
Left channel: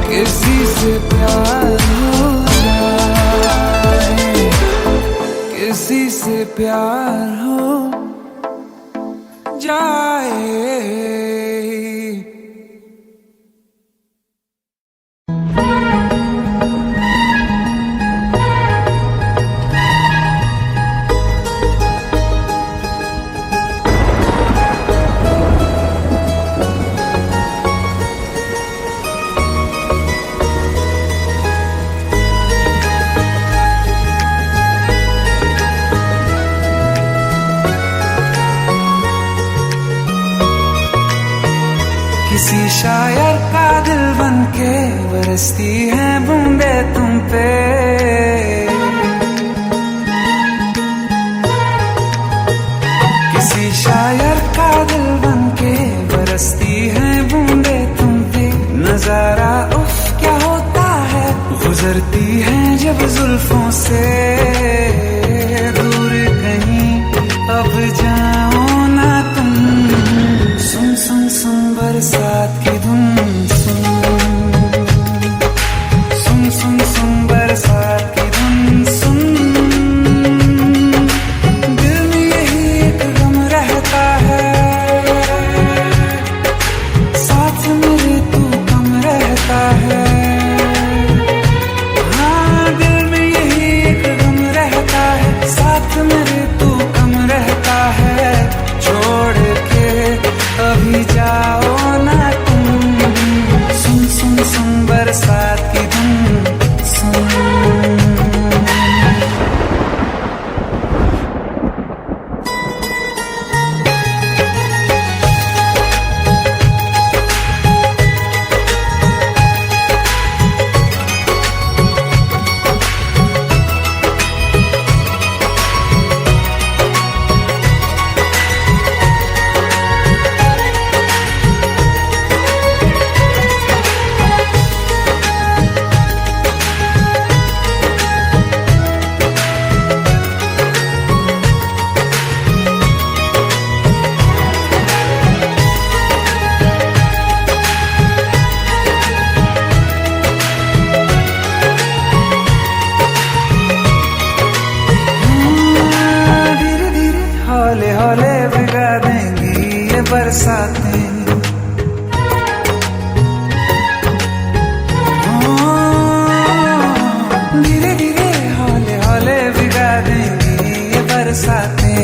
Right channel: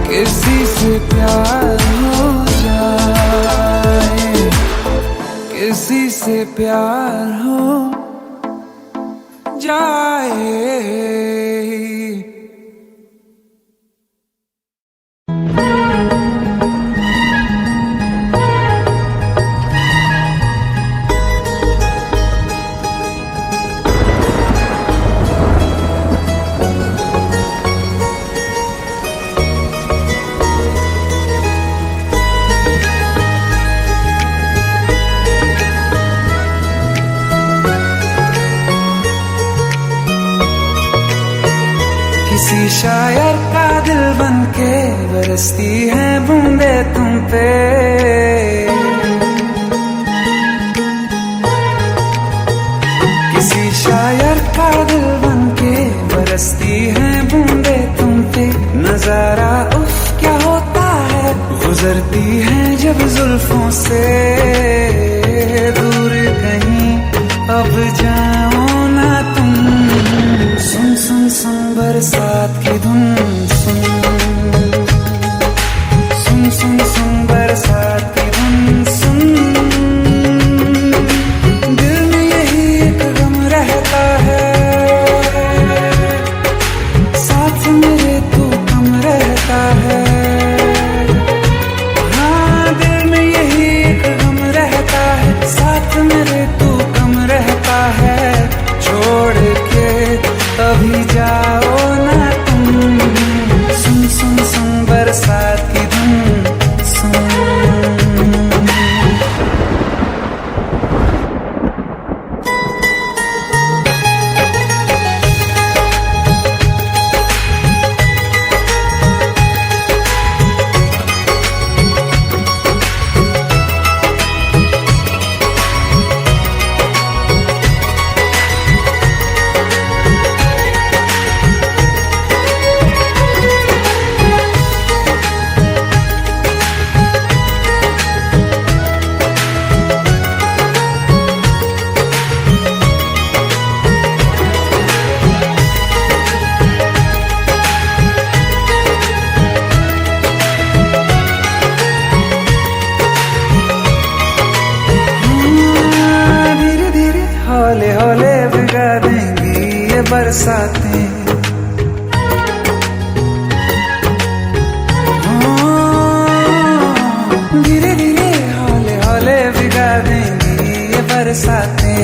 किसी से प्यार हो जाए, किसी से प्यार हो जाए। किसी शायर का दिल बनके बरसती है बूंदे तुम पे, किसी शायर का दिल बनके बरसती है बूंदे तुम पे। नजारा उफ क्या होता है, गुजरती है जब जुल्फों से दूर कहीं अब जाओ ना तुम। सुन सुन सुन बरसात की धुन सुन, सुन सुन सुन बरसात की धुन सुन। दिल में यही एक गम रहता है, साथ मेरे तू कम रहता है। हाँ दिल में यही एक गम रहता है, साथ मेरे तू कम रहता है। छोड़ के अभी जाओ ना तुम, सुन सुन सुन बरसात की धुन सुन। हौले हौले भिगा देंगी ये बरसातें, धीरे धीरे हौले हौले भिगा देंगी ये बरसातें।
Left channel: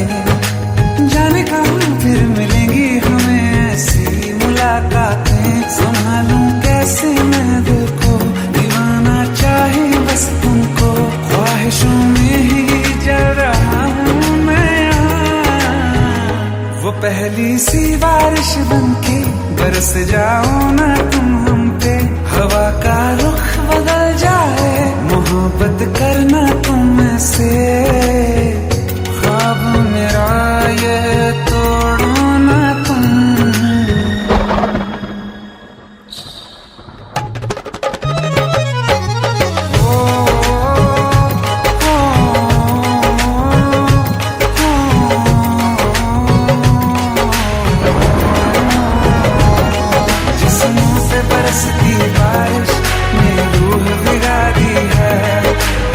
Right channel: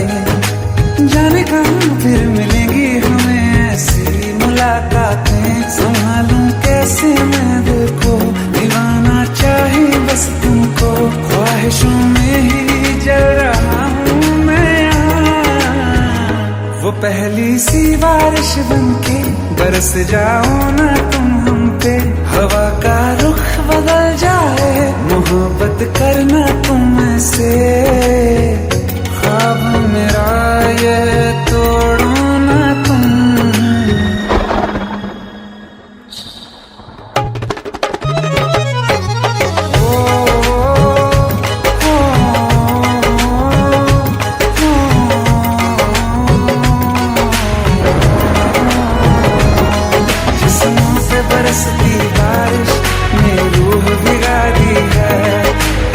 जाने कहाँ फिर मिलेंगी हमें ऐसी मुलाकातें संभालूं कैसे मैं दिल को, दीवाना चाहे बस तुमको, ख्वाहिशों में ही जल रहा हूँ मैं यहाँ। वो पहली सी बारिश बनके बरस जाओ ना तुम हम पे, हवा का रुख बदल जाए, मोहब्बत करना तुम से, ख्वाब मेरा ये तोड़ो ना तुम। बरसती बारिश ने रूह भिगा दी है,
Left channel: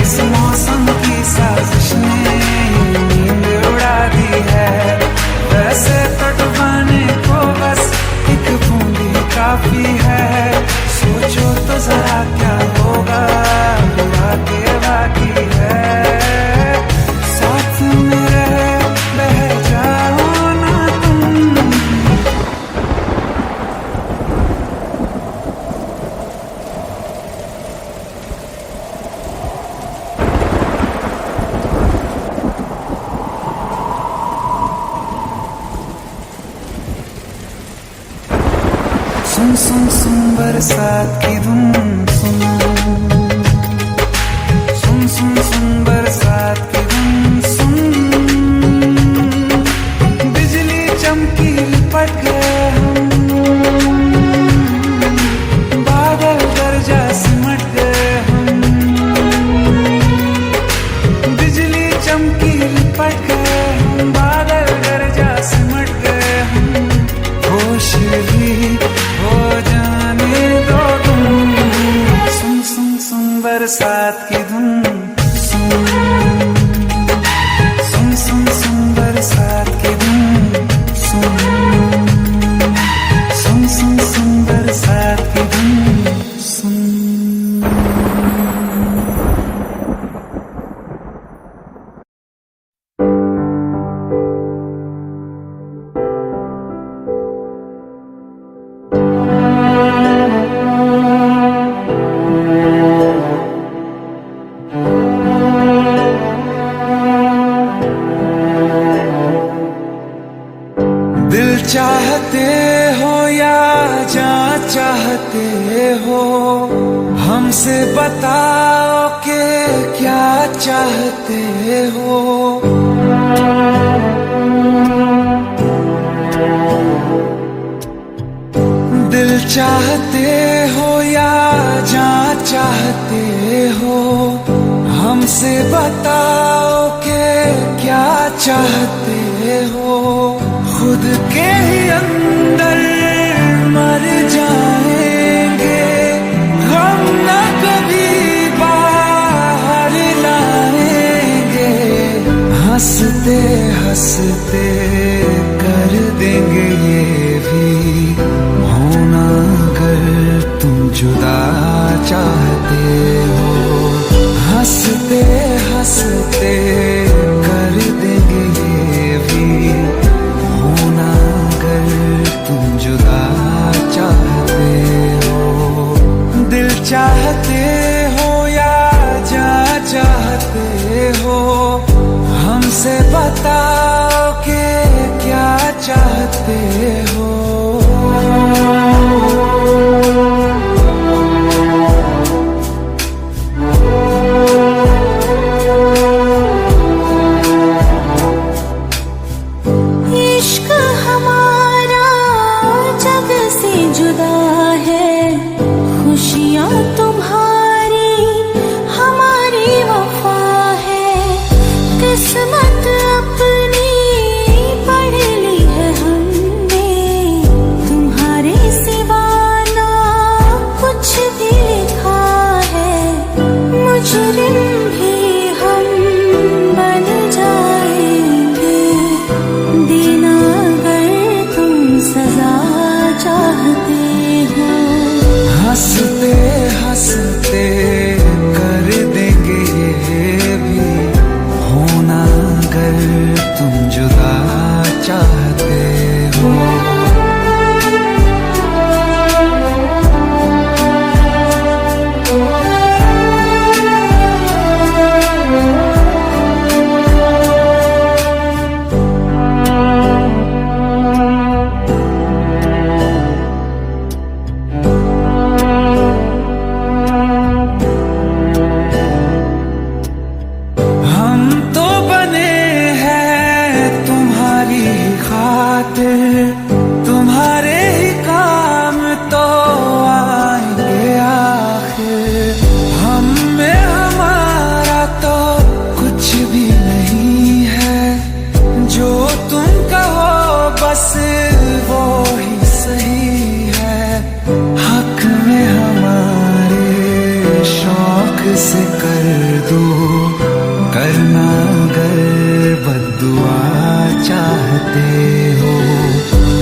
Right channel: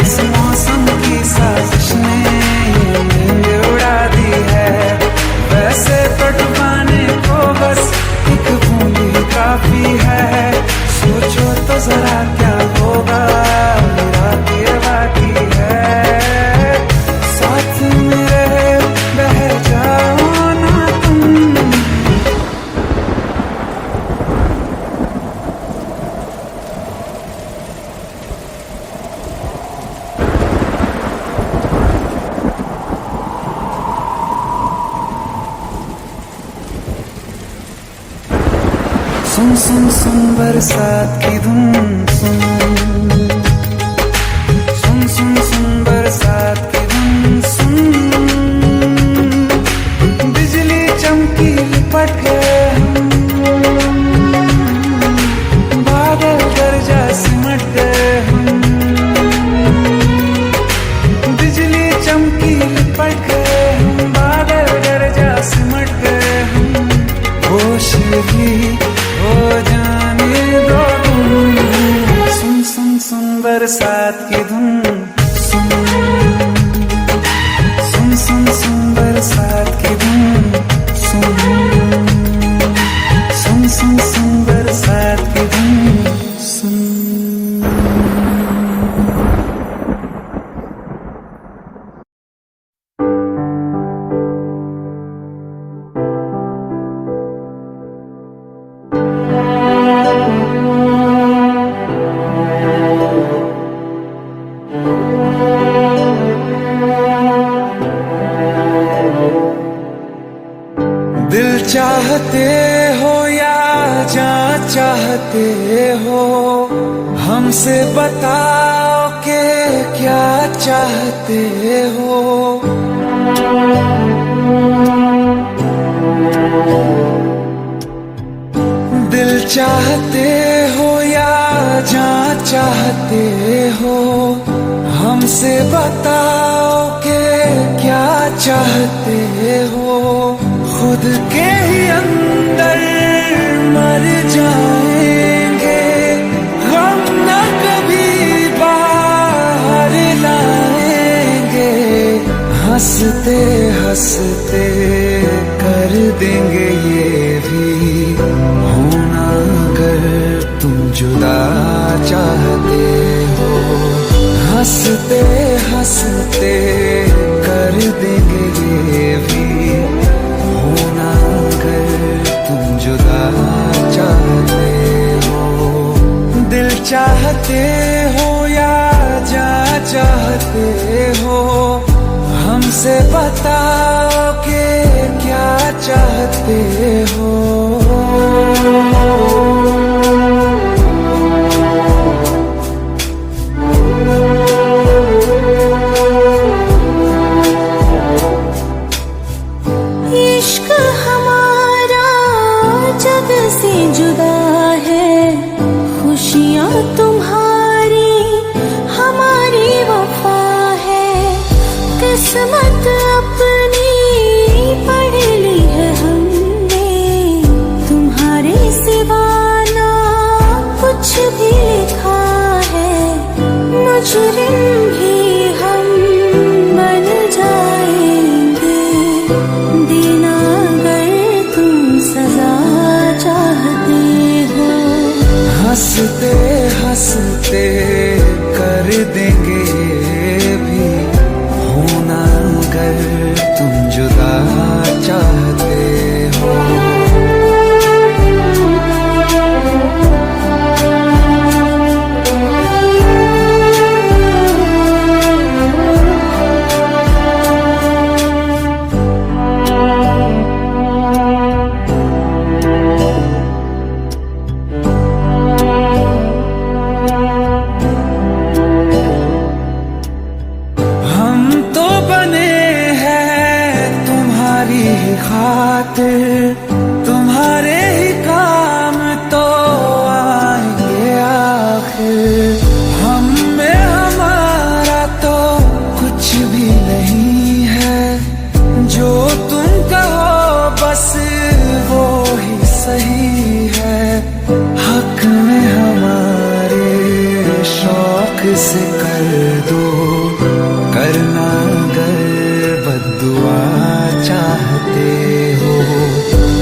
इस मौसम की साजिश ने ये नींद उड़ा दी है। वैसे तो डुबाने को बस एक बूंद ही काफी है, सोचो तो जरा क्या होगा मेरा के बाकी है, साथ मेरे बह जाओ ना तुम। सुन सुन सुन बरसात की धुन सुन, सुन सुन सुन बरसात की धुन सुन, बिजली चमकी लिपट गए हम, बादल गरजा सिमट गए हम, बिजली चमकी लिपट गए हम, बादल गरजा सिमट गए हम, होश भी हो जाने दो तुम। सुन सुन सुन बरसात की धुन सुन, सुन सुन सुन बरसात की धुन सुन, सुन सुन सुन बरसात की धुन सुन। दिल चाहते हो या जान चाहते हो, हमसे बताओ के क्या चाहते हो। दिल चाहते हो या जान चाहते हो, हमसे बताओ के क्या चाहते हो। खुद के ही अंदर मर जाएंगे, हम न कभी बाहर लाएंगे, हंसते हंसते कर देंगे ये भी होना अगर तुम जुदा चाहते हो। हंसते हंसते कर देंगे ये भी होना अगर तुम जुदा चाहते हो। दिल चाहते हो या जान चाहते हो, हमसे बताओ के क्या चाहते हो। इश्क हमारा जग से जुदा है, खुशियाँ तुम्हारी हमारी वफा है, किस्मत अपनी पढ़ ली है हमने, तुम्हारे सिवा ना कुछ भी लिखा है। मुजरिम भी हम बन जाएंगे, देना अगर तुम सजा चाहते हो। हंसते हंसते कर देंगे ये भी होना अगर तुम जुदा चाहते हो। तुम्हारी ही खातिर तुम्हारे ही काम तो आएंगे आखिर। हम में हमारा तो कुछ भी नहीं है, जो तुम कहो बस वो ही सही है। हक में हमारे शौक से कर दो, करना अगर बद्दुआ चाहते हो।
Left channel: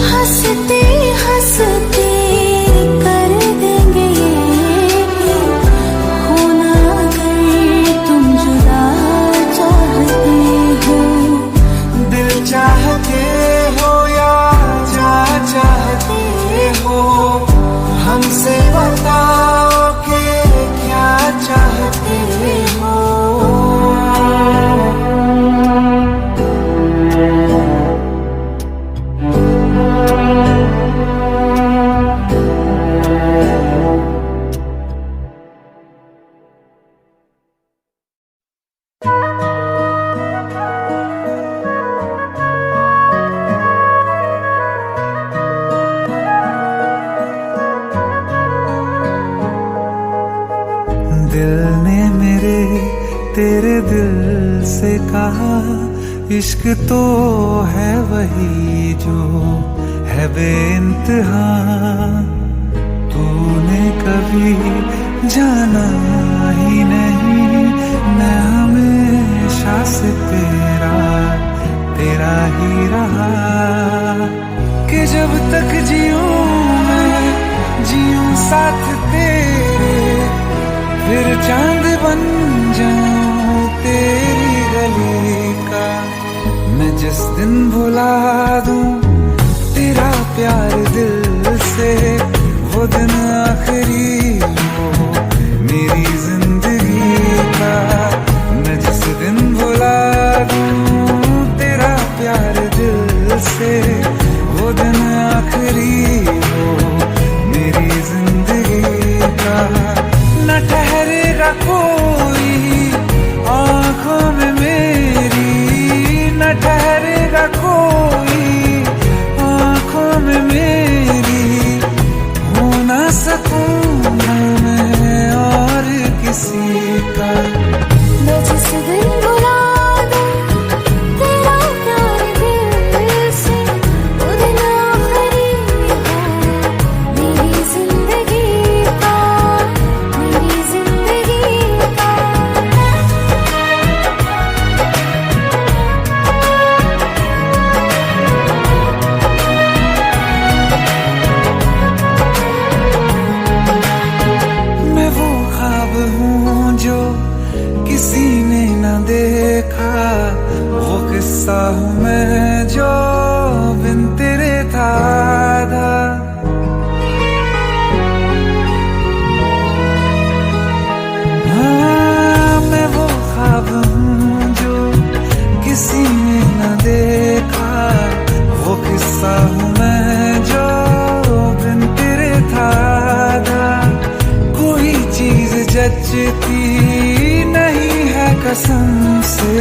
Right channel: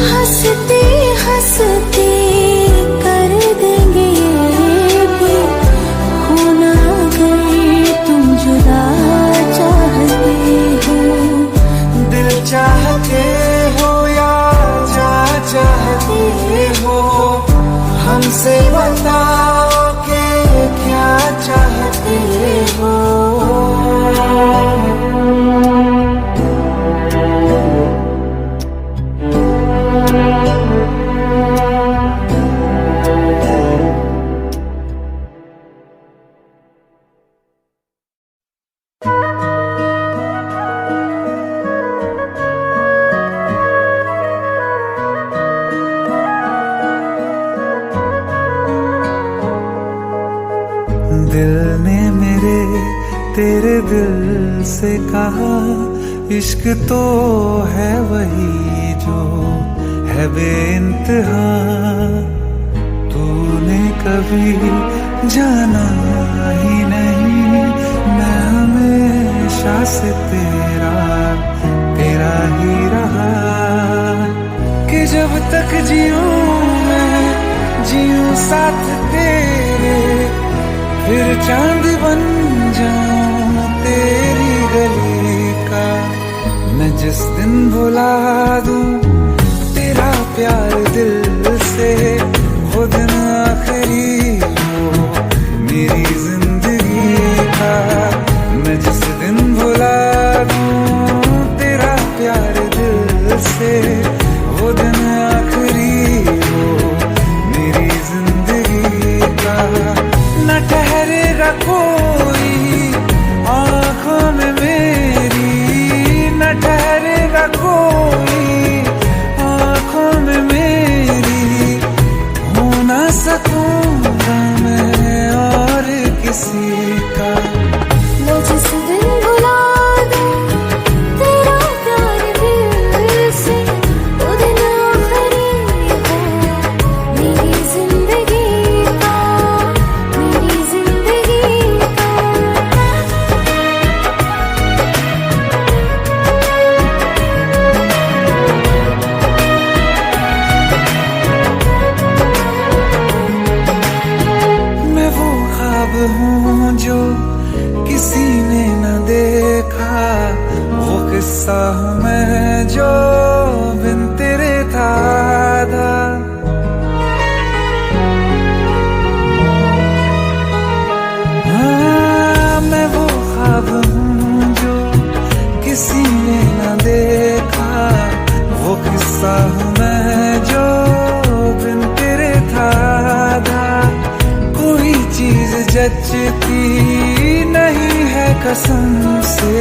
हंसते हंसते कर देंगे ये भी, होना अगर तुम जुदा चाहते हो। दिल चाहते हो या जा चाहते हो, हमसे बताओ कि क्या चाहते हो। दिल ने मेरे तेरे दिल से कहा, इश्क तो है वही जो है बेइंतहा। तूने कभी जाना ही नहीं, मैं हमेशा से तेरा ही रहा। कि जब तक जीऊं मैं जीऊं साथ तेरे, फिर चांद बन जाऊं तेरी गली का। मैं जिस दिन भुला दूं तेरा प्यार दिल से, वो दिन आखिरी हो मेरी जिंदगी का। मैं जिस दिन भुला दूं तेरा प्यार दिल से, वो दिन आखिरी हो मेरी जिंदगी का। न ठहरेगा कोई आँखों में मेरी, न ठहरेगा कोई आँखों में मेरी। हो ना सकूंगा मैं और किसी का। मैं जिस दिन भुला दूं तेरा प्यार दिल से, वो दिन आखिरी हो मेरी जिंदगी का, मेरी जिंदगी का। मैं वो ख्वाब हूँ जो किसी ने न देखा, वो किस्सा हूँ मैं जो बिन तेरे था आधा। हाँ, मैं वो ख्वाब हूँ जो किसी ने न देखा, वो किस्सा हूँ मैं जो बिन तेरे था आधा। कोई चीज जचती नहीं है कसम से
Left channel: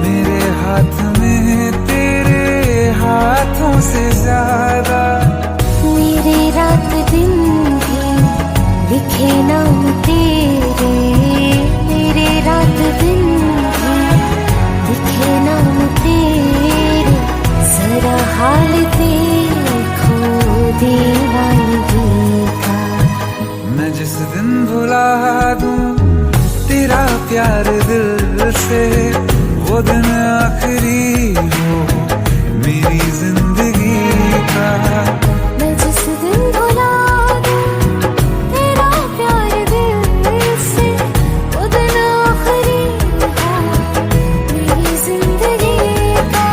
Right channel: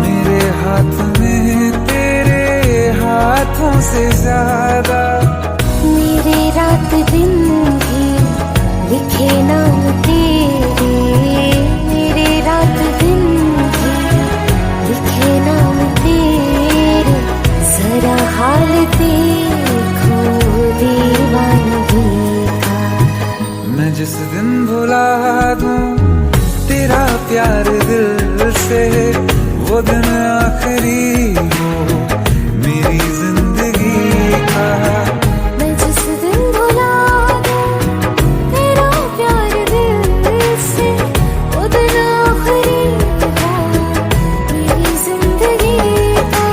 मेरे हाथ में तेरे हाथों से ज्यादा। मेरे रात दिन भी लिखे नाम तेरे, मेरे रात दिन भी लिखे नाम तेरे। जरा हाल देखो दीवानगी का। मैं जिस दिन भुला दूं तेरा प्यार दिल से, वो दिन आखिरी हो मेरी जिंदगी का। मैं जिस दिन भुला दूं तेरा प्यार दिल से, वो दिन आखिरी हो मेरी जिंदगी का।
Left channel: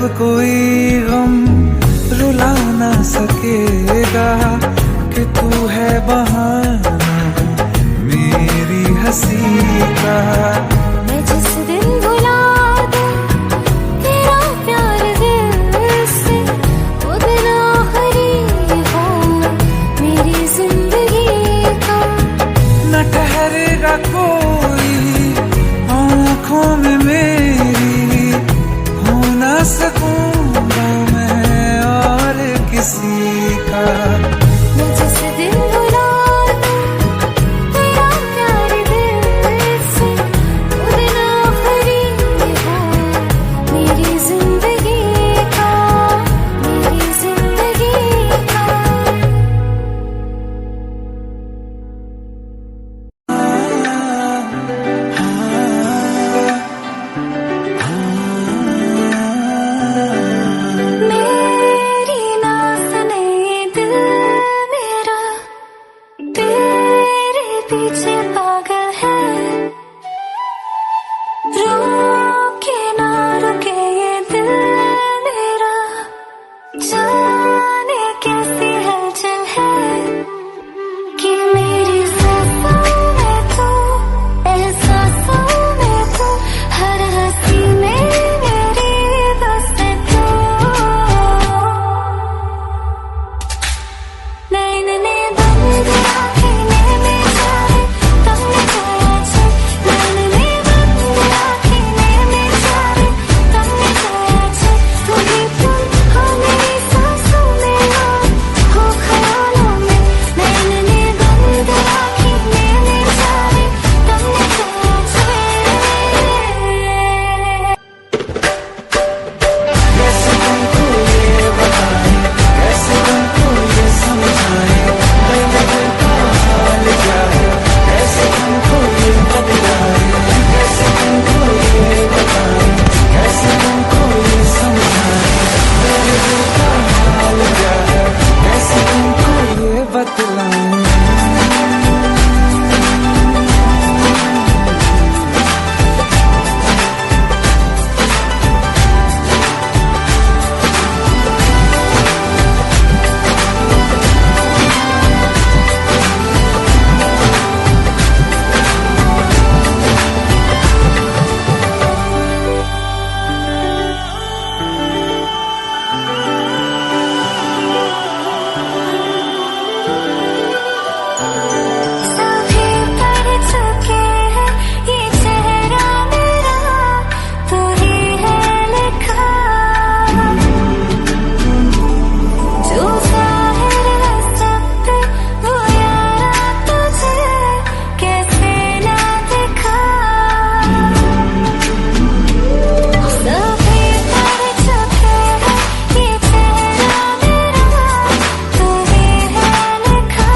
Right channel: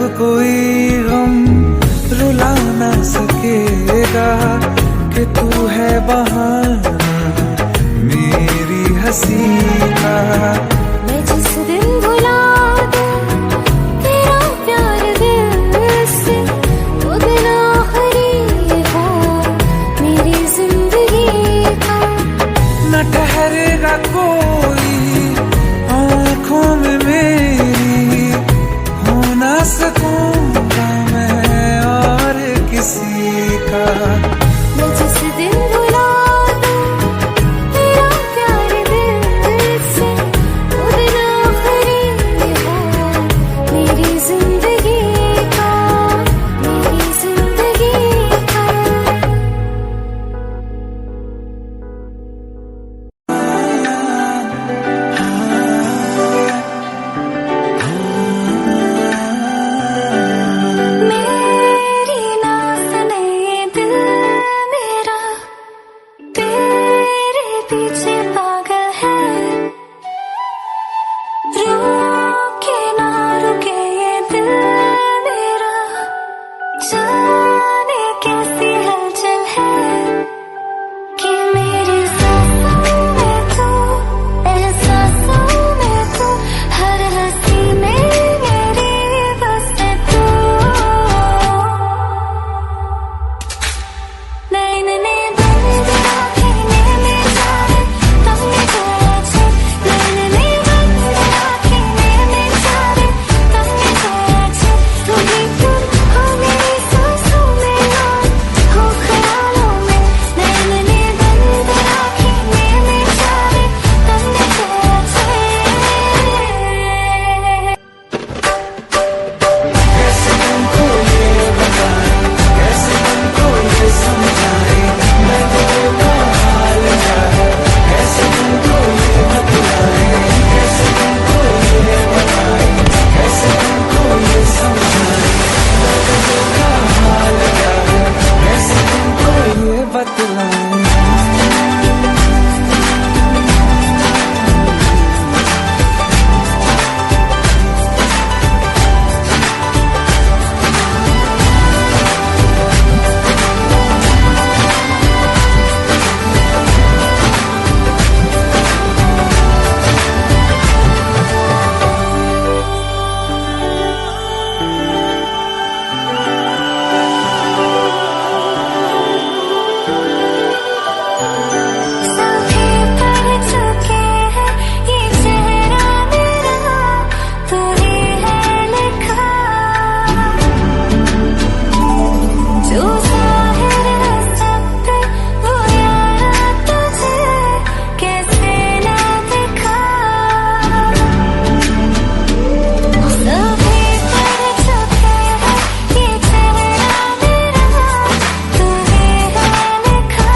अब कोई गम रुला ना सकेगा कि तू है बहाना मेरी हंसी का। मैं जिस दिन भुला दूं तेरा प्यार दिल से, वो दिन आखिरी हो मेरी जिंदगी का। न ठहरेगा कोई आँखों में मेरी, हो ना सकूंगा मैं और किसी का। मैं जिस दिन भुला दूं तेरा प्यार दिल से, वो दिन आखिरी हो मेरी जिंदगी का, मेरी जिंदगी का। मेरी ना सुने ये दिल मेरा, तेरे पीछे पागल है। रुके ना रुके ये दिल मेरा, जाने कैसी हलचल है कि मेरी सांसों में तू, एहसासों में तू, हर हंसी में मेरी बस तू। नैन ने बंद आँखें ने चाहे तुमने खोया छे, नैन ने बंद आँखें ने चाहे तुमने खोया छे। तू ही तुम हो मेरी सांसों में और हो ख्यालों में। नैन ने बंद आँखें ने चाहे तुमने खोया छे। कैसे तुमको ये बताएं, कैसे तुमको ये समझाएं, दर्द दिल का हाल क्या है, कैसे तुमको ये बतलाएं। कैसे तुमको ये बताएं, कैसे तुमको ये समझाएं, दर्द दिल का हाल क्या है, कैसे तुमको ये बतलाएं। सभी पढ़ चुके हैं ये चेहरा मेरा, तू ही है लिखा। जो जाहिर है सब पे वो यारा तुझे कैसे ना दिखा। सभी पढ़ चुके हैं ये चेहरा मेरा, तू ही है लिखा।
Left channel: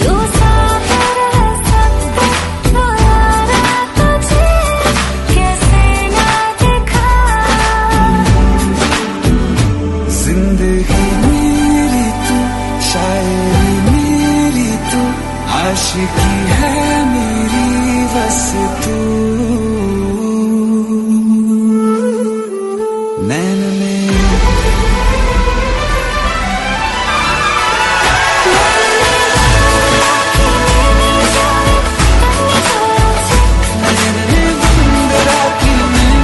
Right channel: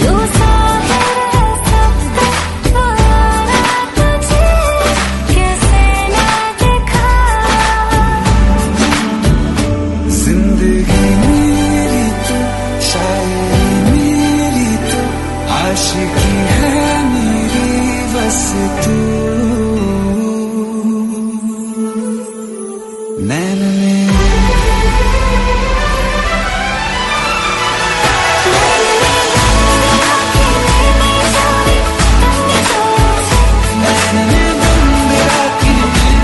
जो जाहिर है सब पे वो यारा तुझे कैसे ना दिखा। जिंदगी मेरी तू, शायरी मेरी तू, आशिकी है मेरी बस तू। नैन ने नैन ने बंद राखी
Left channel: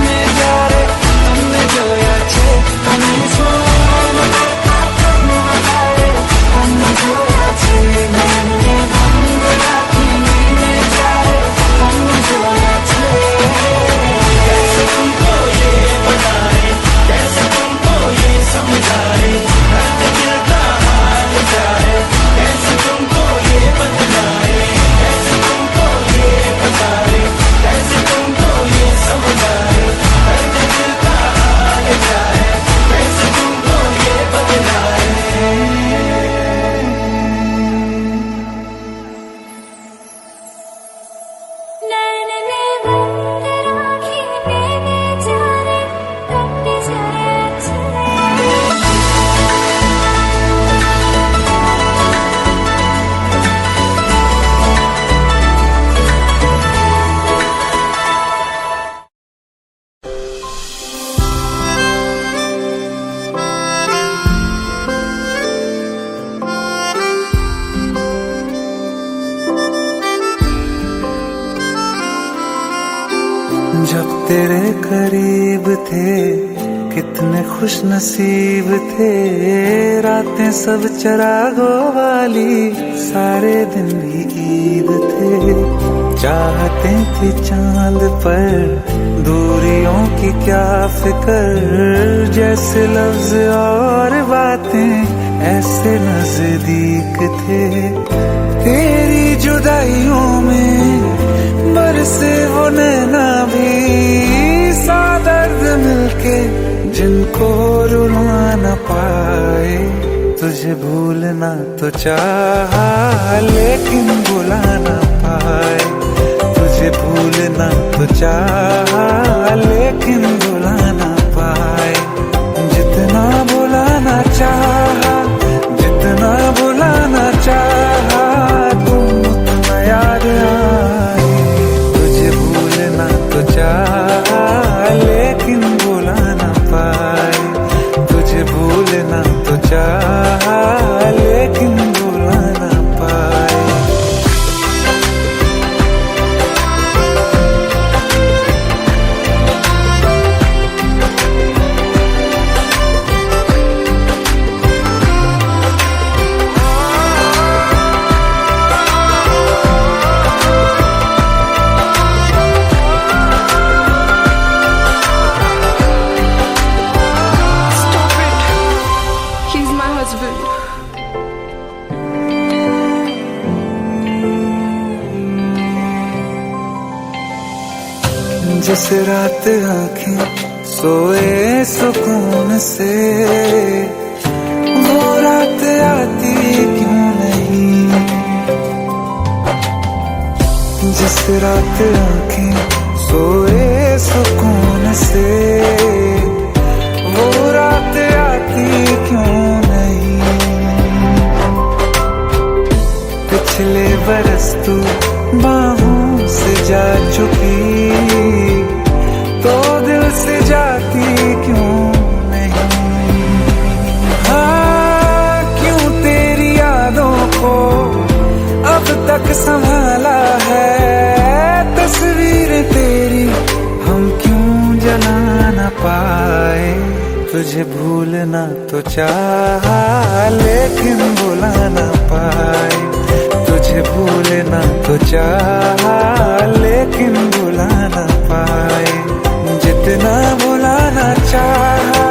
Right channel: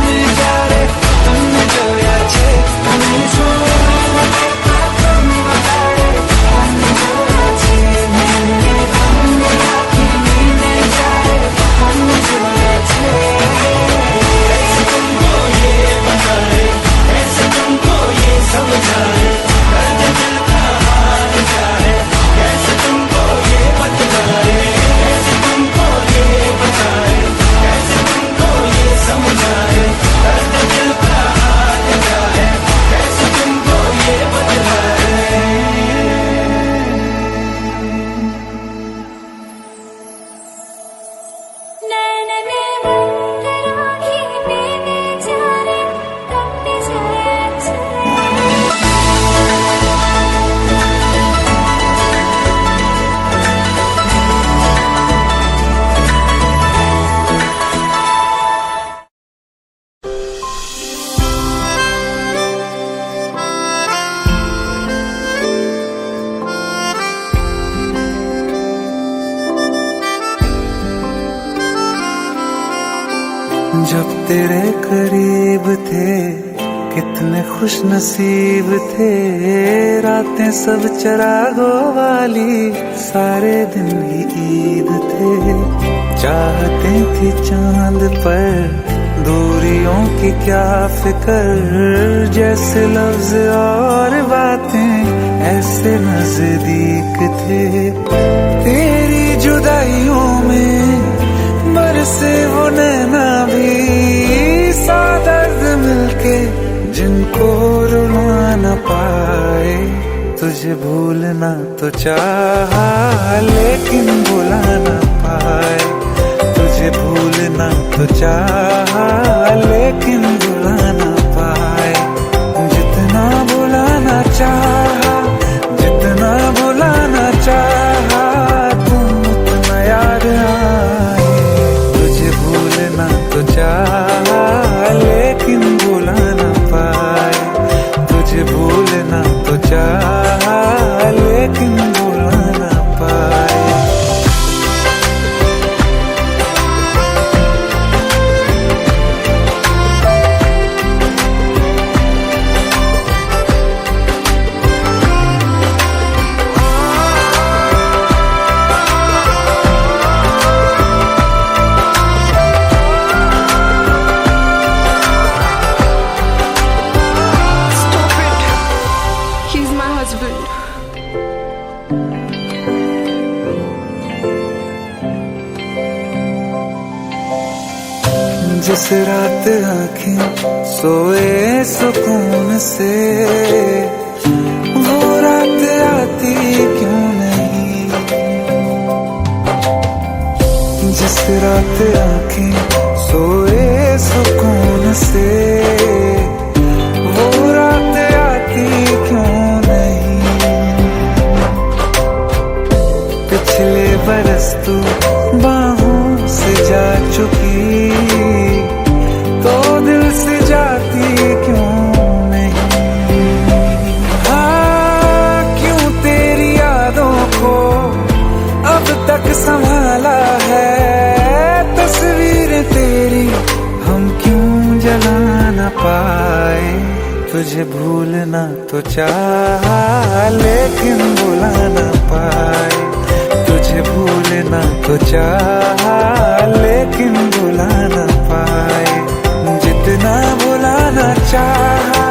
में जा रे तुमने जोया छे, तुमने सोना करता तुम बताए, तुमने जोया छे। नैन ने बंद राखी में जा रे तुमने जोया छे। कैसे तुमको ये बताएं, कैसे तुमको जब तेरे करीब थे कितने खुश नसीब थे, रातें सब चरागों वाली, सारे दिन ही ईद थे। चाहते थी चांद पर दूरियों की क्या फिक्र, जैसे लफ्ज और बातें ऐसे नजदीक थे। तेरी जुदाइयों में बरसे वो नैना भी, सा दर्द मिलके जिनको रुला न पाए। तुझे भूलना तो चाहा लेकिन भुला न पाए, तुझे भूलना तो चाहा लेकिन भुला न पाए। जितना भुलाना चाहा, जितना भुलाना चाहा, तुम उतना याद आए। तुझे भूलना तो चाहा लेकिन भुला न पाए, तुझे भूलना तो चाहा लेकिन भुला न पाए। जिस रात आँखें सोए सुकून से, वो रात आती क्यों नहीं। जिस रात आँखें सोए सुकून से, वो रात आती क्यों नहीं। पिछले बरस तू बाहों से जा चुकी, तो दिल से जाती क्यों नहीं। हाँ, क्यों तेरी यादों को अब तक संभाला है, तस्वीर तेरी हम क्यों जला न पाए। तुझे भूलना तो चाहा लेकिन भुला न पाए, तुझे भूलना तो चाहा लेकिन भुला न पाए। जितना भुलाना चाहा,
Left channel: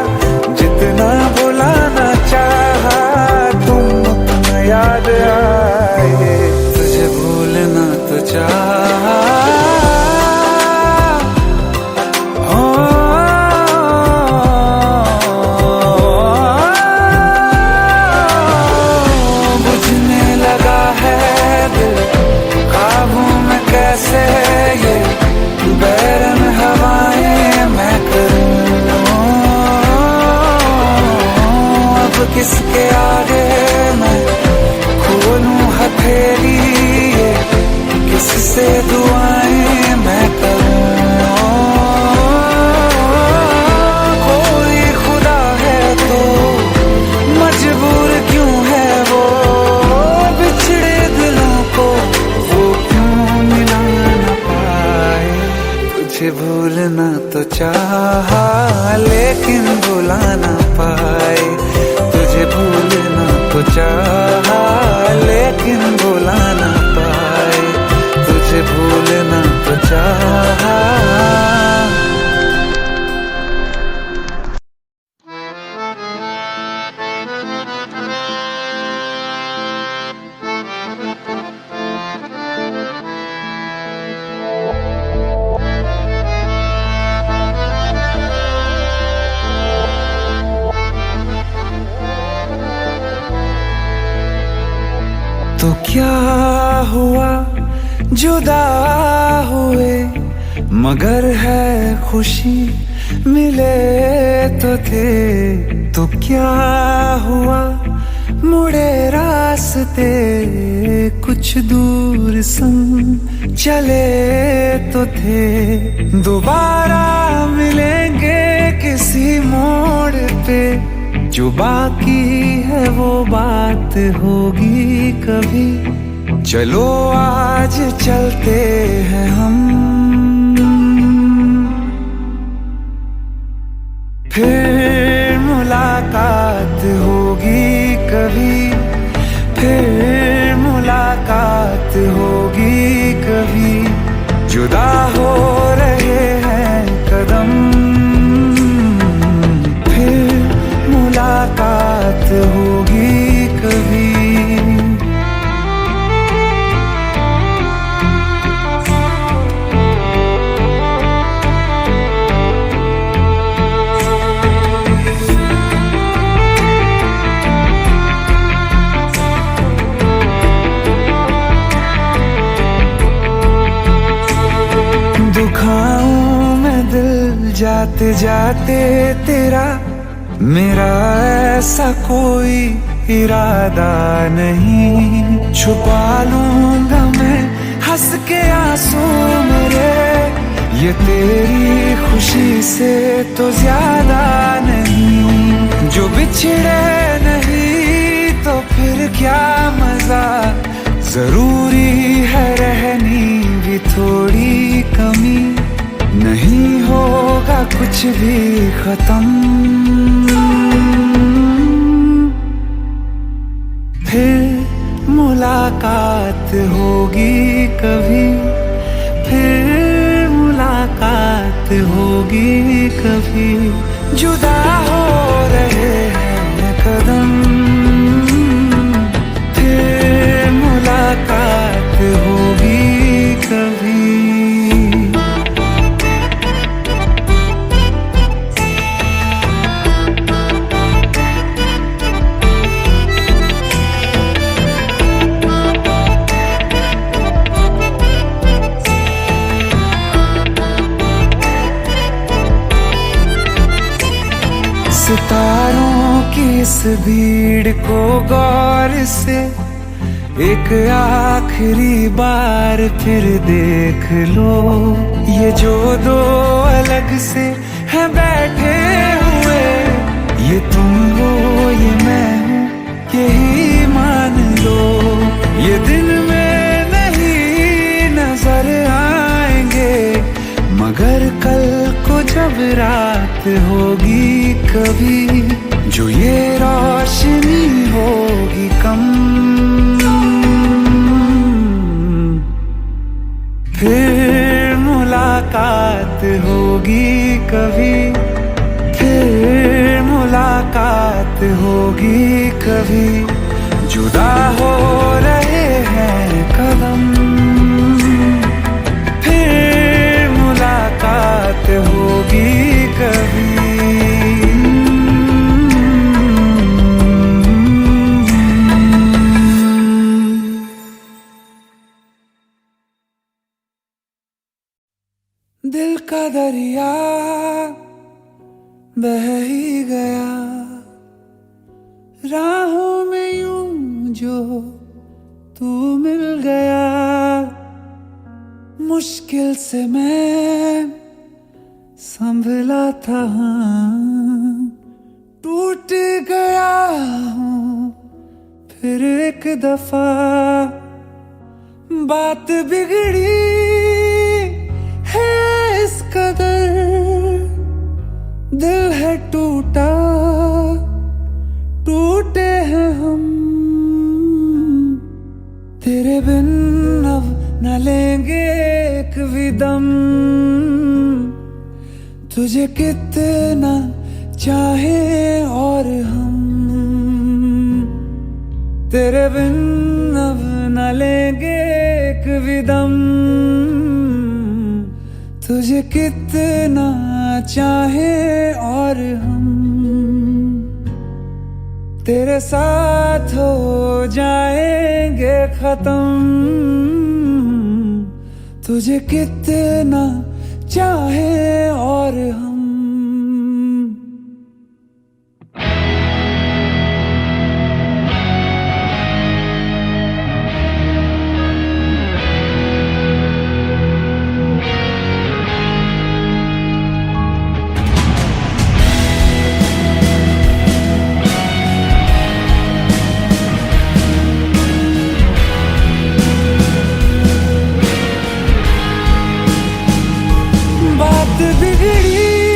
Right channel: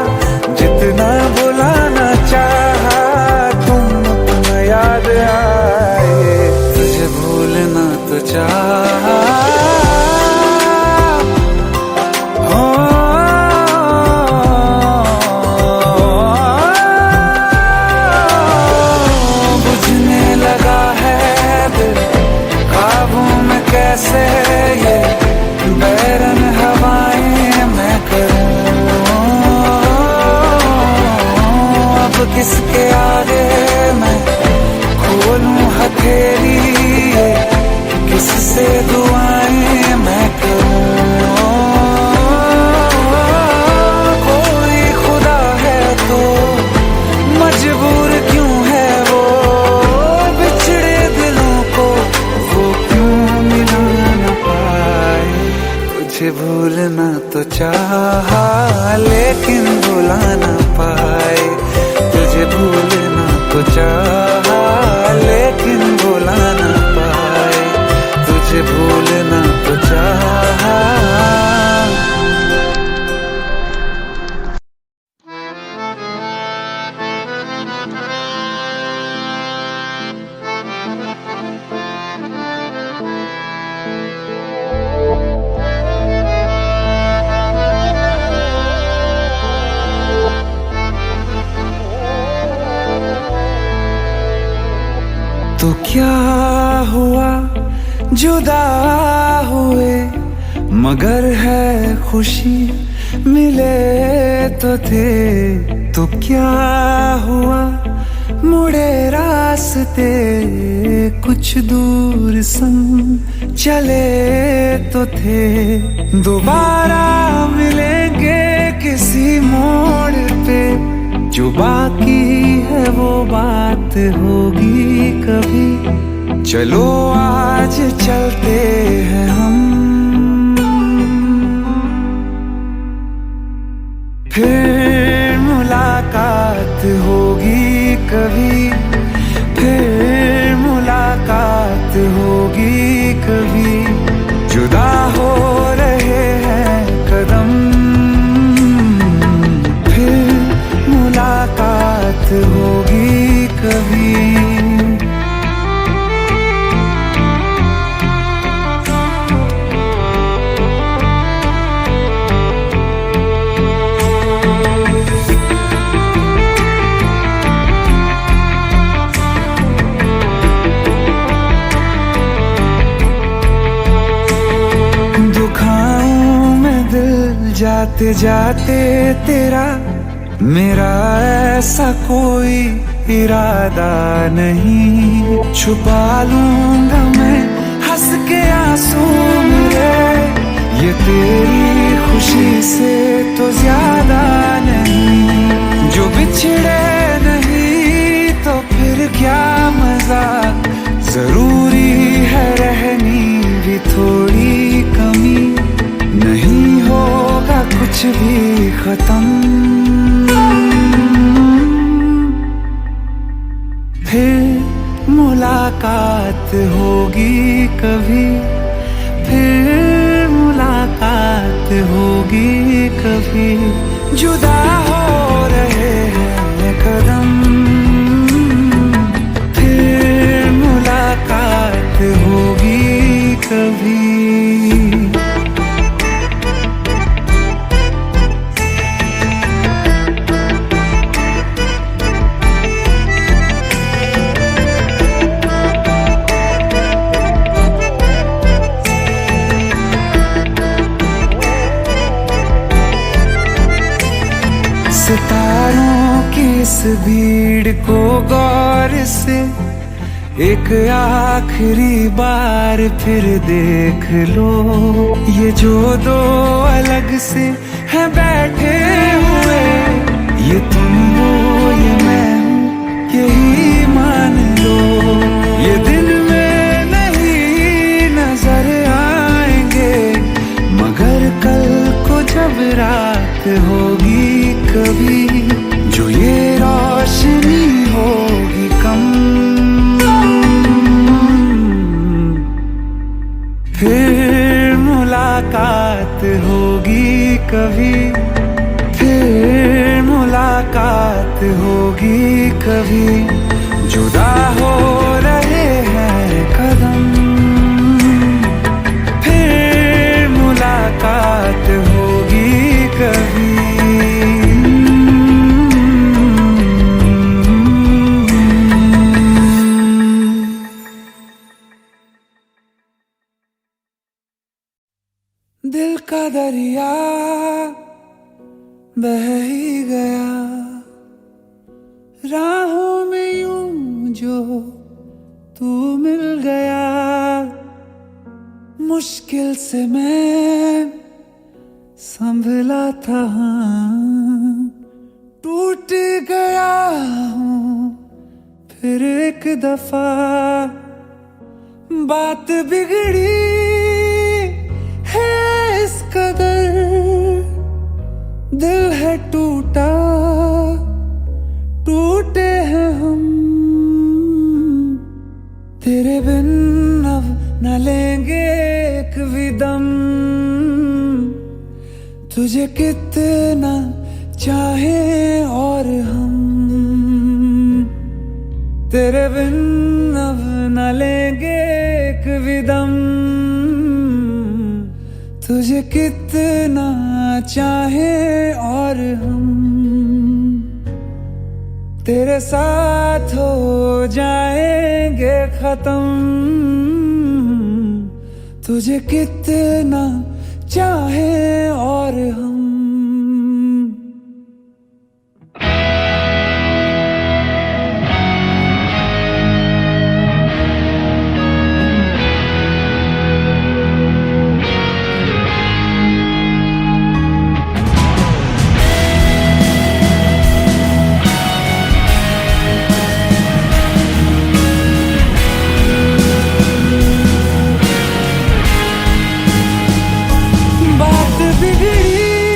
जितना भुलाना चाहा, तुम उतना याद आए। तुझे भूलना तो चाहा, बुझने लगा है दिल काबू में कैसे, ये बैरन हवाएं मैं करूं। अब किसके आगे मैं खोलूं हथेली, किससे दुआएं मैं करूं। कोई खुदा है तो मजबूर क्यों है वो, बिछड़े दिलों को वो क्यों मिला न पाए। तुझे भूलना तो चाहा लेकिन भुला न पाए, तुझे भूलना तो चाहा लेकिन भुला न पाए, तुझे भूलना तो चाहा। तो क्या हुआ जुदा हुए, मगर है खुशी मिले तो थे। तो क्या हुआ मुड़े रास्ते, कुछ दूर संग चले तो थे। दोबारा मिलेंगे किसी मोड़ पे, जो बाकी है वो बात होगी कभी। चलो आज चलते हैं हम फिर मुलाकात होगी कभी, फिर मुलाकात होगी कभी। जुदा हो रहे हैं कदम, फिर मुलाकात होगी कभी। दुखाऊं मैं दिल जाते जाते तेरा, मेरा ऐसा कोई इरादा नहीं। छुपा लूंगा मैं हंस के आंसू मेरे, ये तेरी खुशी से तो ज्यादा नहीं। जो बिछड़े नहीं तो फिर क्या मजा, जरूरी है रहनी भी थोड़ी कमी। नहीं होगा कुछ भी खत्म, फिर मुलाकात होगी कभी, फिर मुलाकात होगी कभी। जुदा हो रहे हैं कदम, फिर मुलाकात होगी कभी। सितारों की इस भीड़ को गौर से एक आखिरी बार फिर देख लो। ये जो दो अलग से हैं बैठे हुए, ये तुम हो ये मैं हूँ यही मान लो। ये दिन में नहीं नजर आएंगे, मगर कल को जब रात होगी कभी, जो ये रोशनी होगी कम, फिर मुलाकात होगी कभी, फिर मुलाकात होगी कभी। जुदा हो रहे हैं कदम, फिर मुलाकात होगी कभी। दिल का दरिया बह ही गया, राहों में यूं जो तू मिल गया। मुश्किल से मैं संभला था, टूट गया हूँ फिर एक दफा। बात बिगड़ी है इस कदर, दिल है टूटा, टूटे हैं हम। तेरे बिन अब न लेंगे एक भी दम, तुझे कितना चाहे और हम। तेरे बिन अब न लेंगे एक भी दम, तुझे कितना चाहे और हम। तेरे साथ हो जाएंगे खत्म, तुझे कितना चाहे और हम। बात बिगड़ी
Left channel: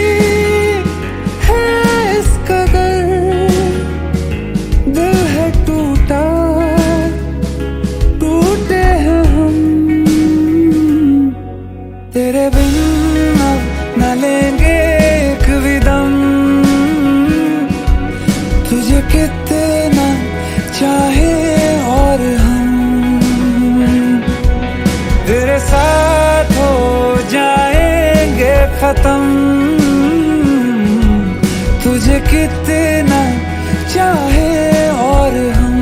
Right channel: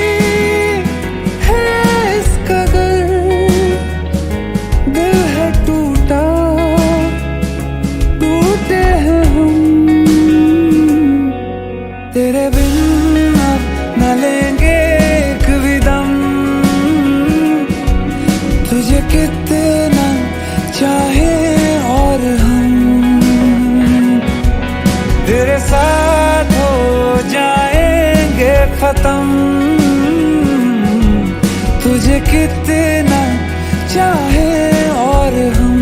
तुझे कितना चाहे और हम तेरे साथ हो जाएंगे खत्म। तुझे कितना चाहे और हम।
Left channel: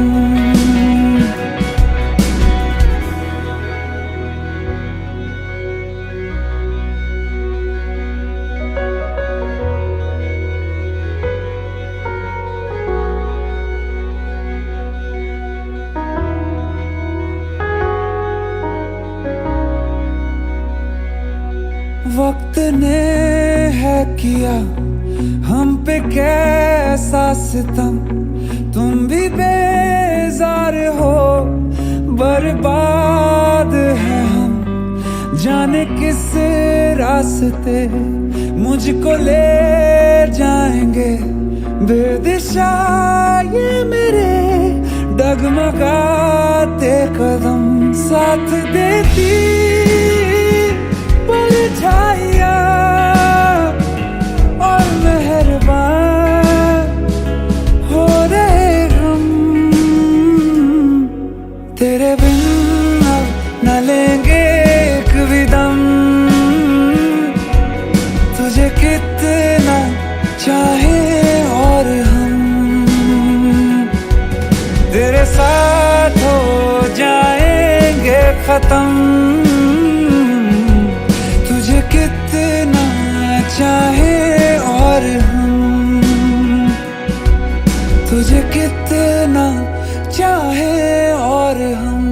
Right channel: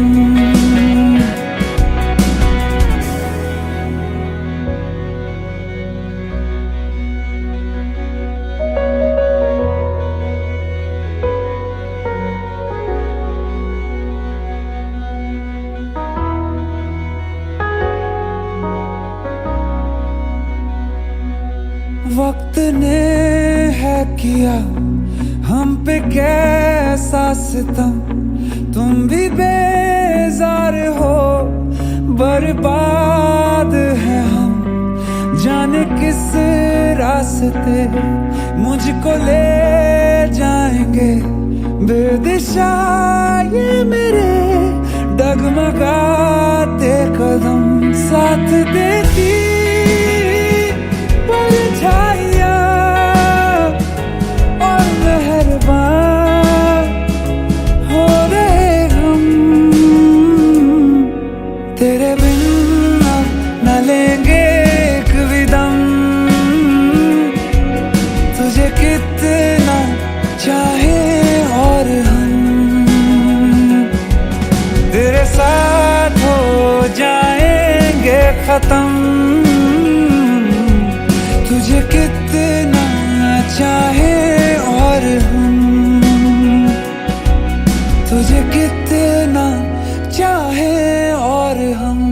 वक्त ने है किया हम पे कैसा सितम, तुम भी बेजार हो, बर्बाद है हम। जाने किस रास्ते मुझको ले जाएंगे, बेदिशा ये मेरे डगमगाते कदम। साथ देती परछाइयाँ और मेहरबान हो रहे हम। तेरे बिन अब न लेंगे एक भी दम। तुझे कितना चाहे और हम तेरे साथ हो जाएंगे खत्म। तुझे कितना चाहे और हम तुझे कितना चाहे और हम।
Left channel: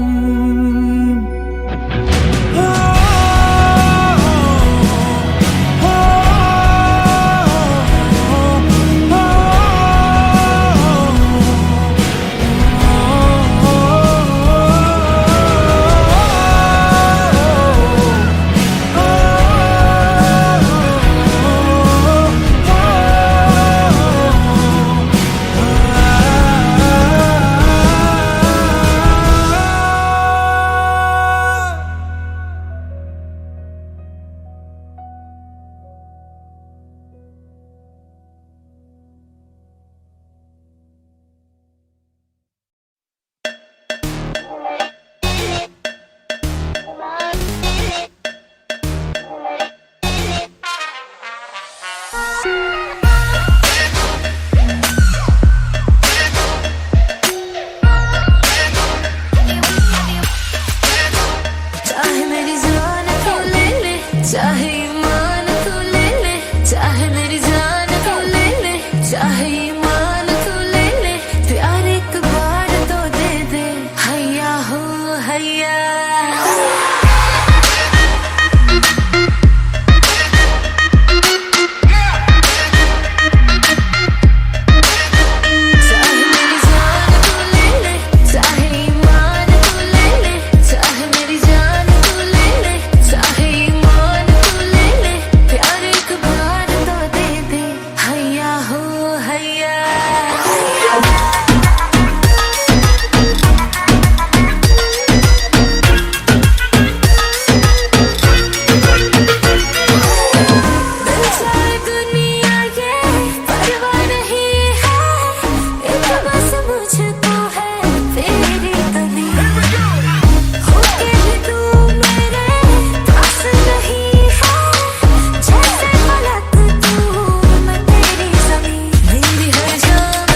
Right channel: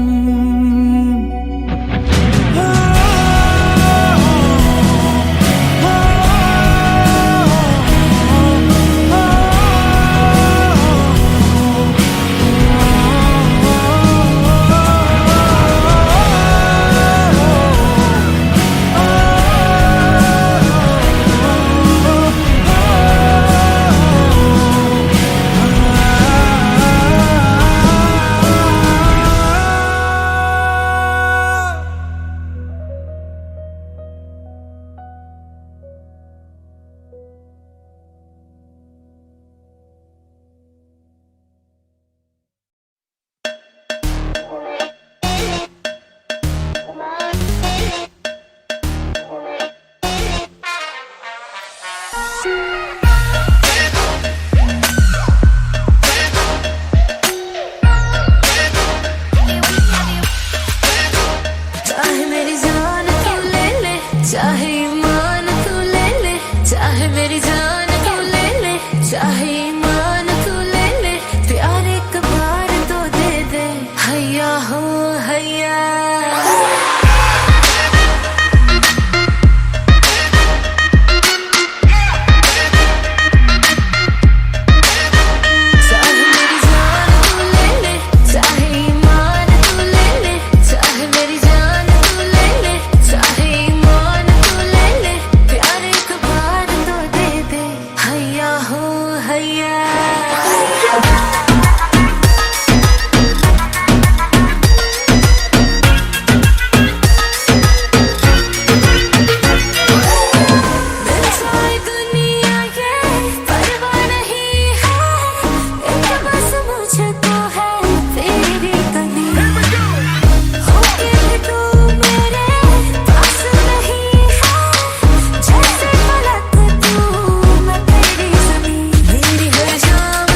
चाहे मेरी जान तू ले ले, चाहे ईमान तू ले ले, चाहे मेरी जान तू ले ले, चाहे ईमान तू ले ले, प्यार एक बार तो दे दे, हैया हो हैया। शाम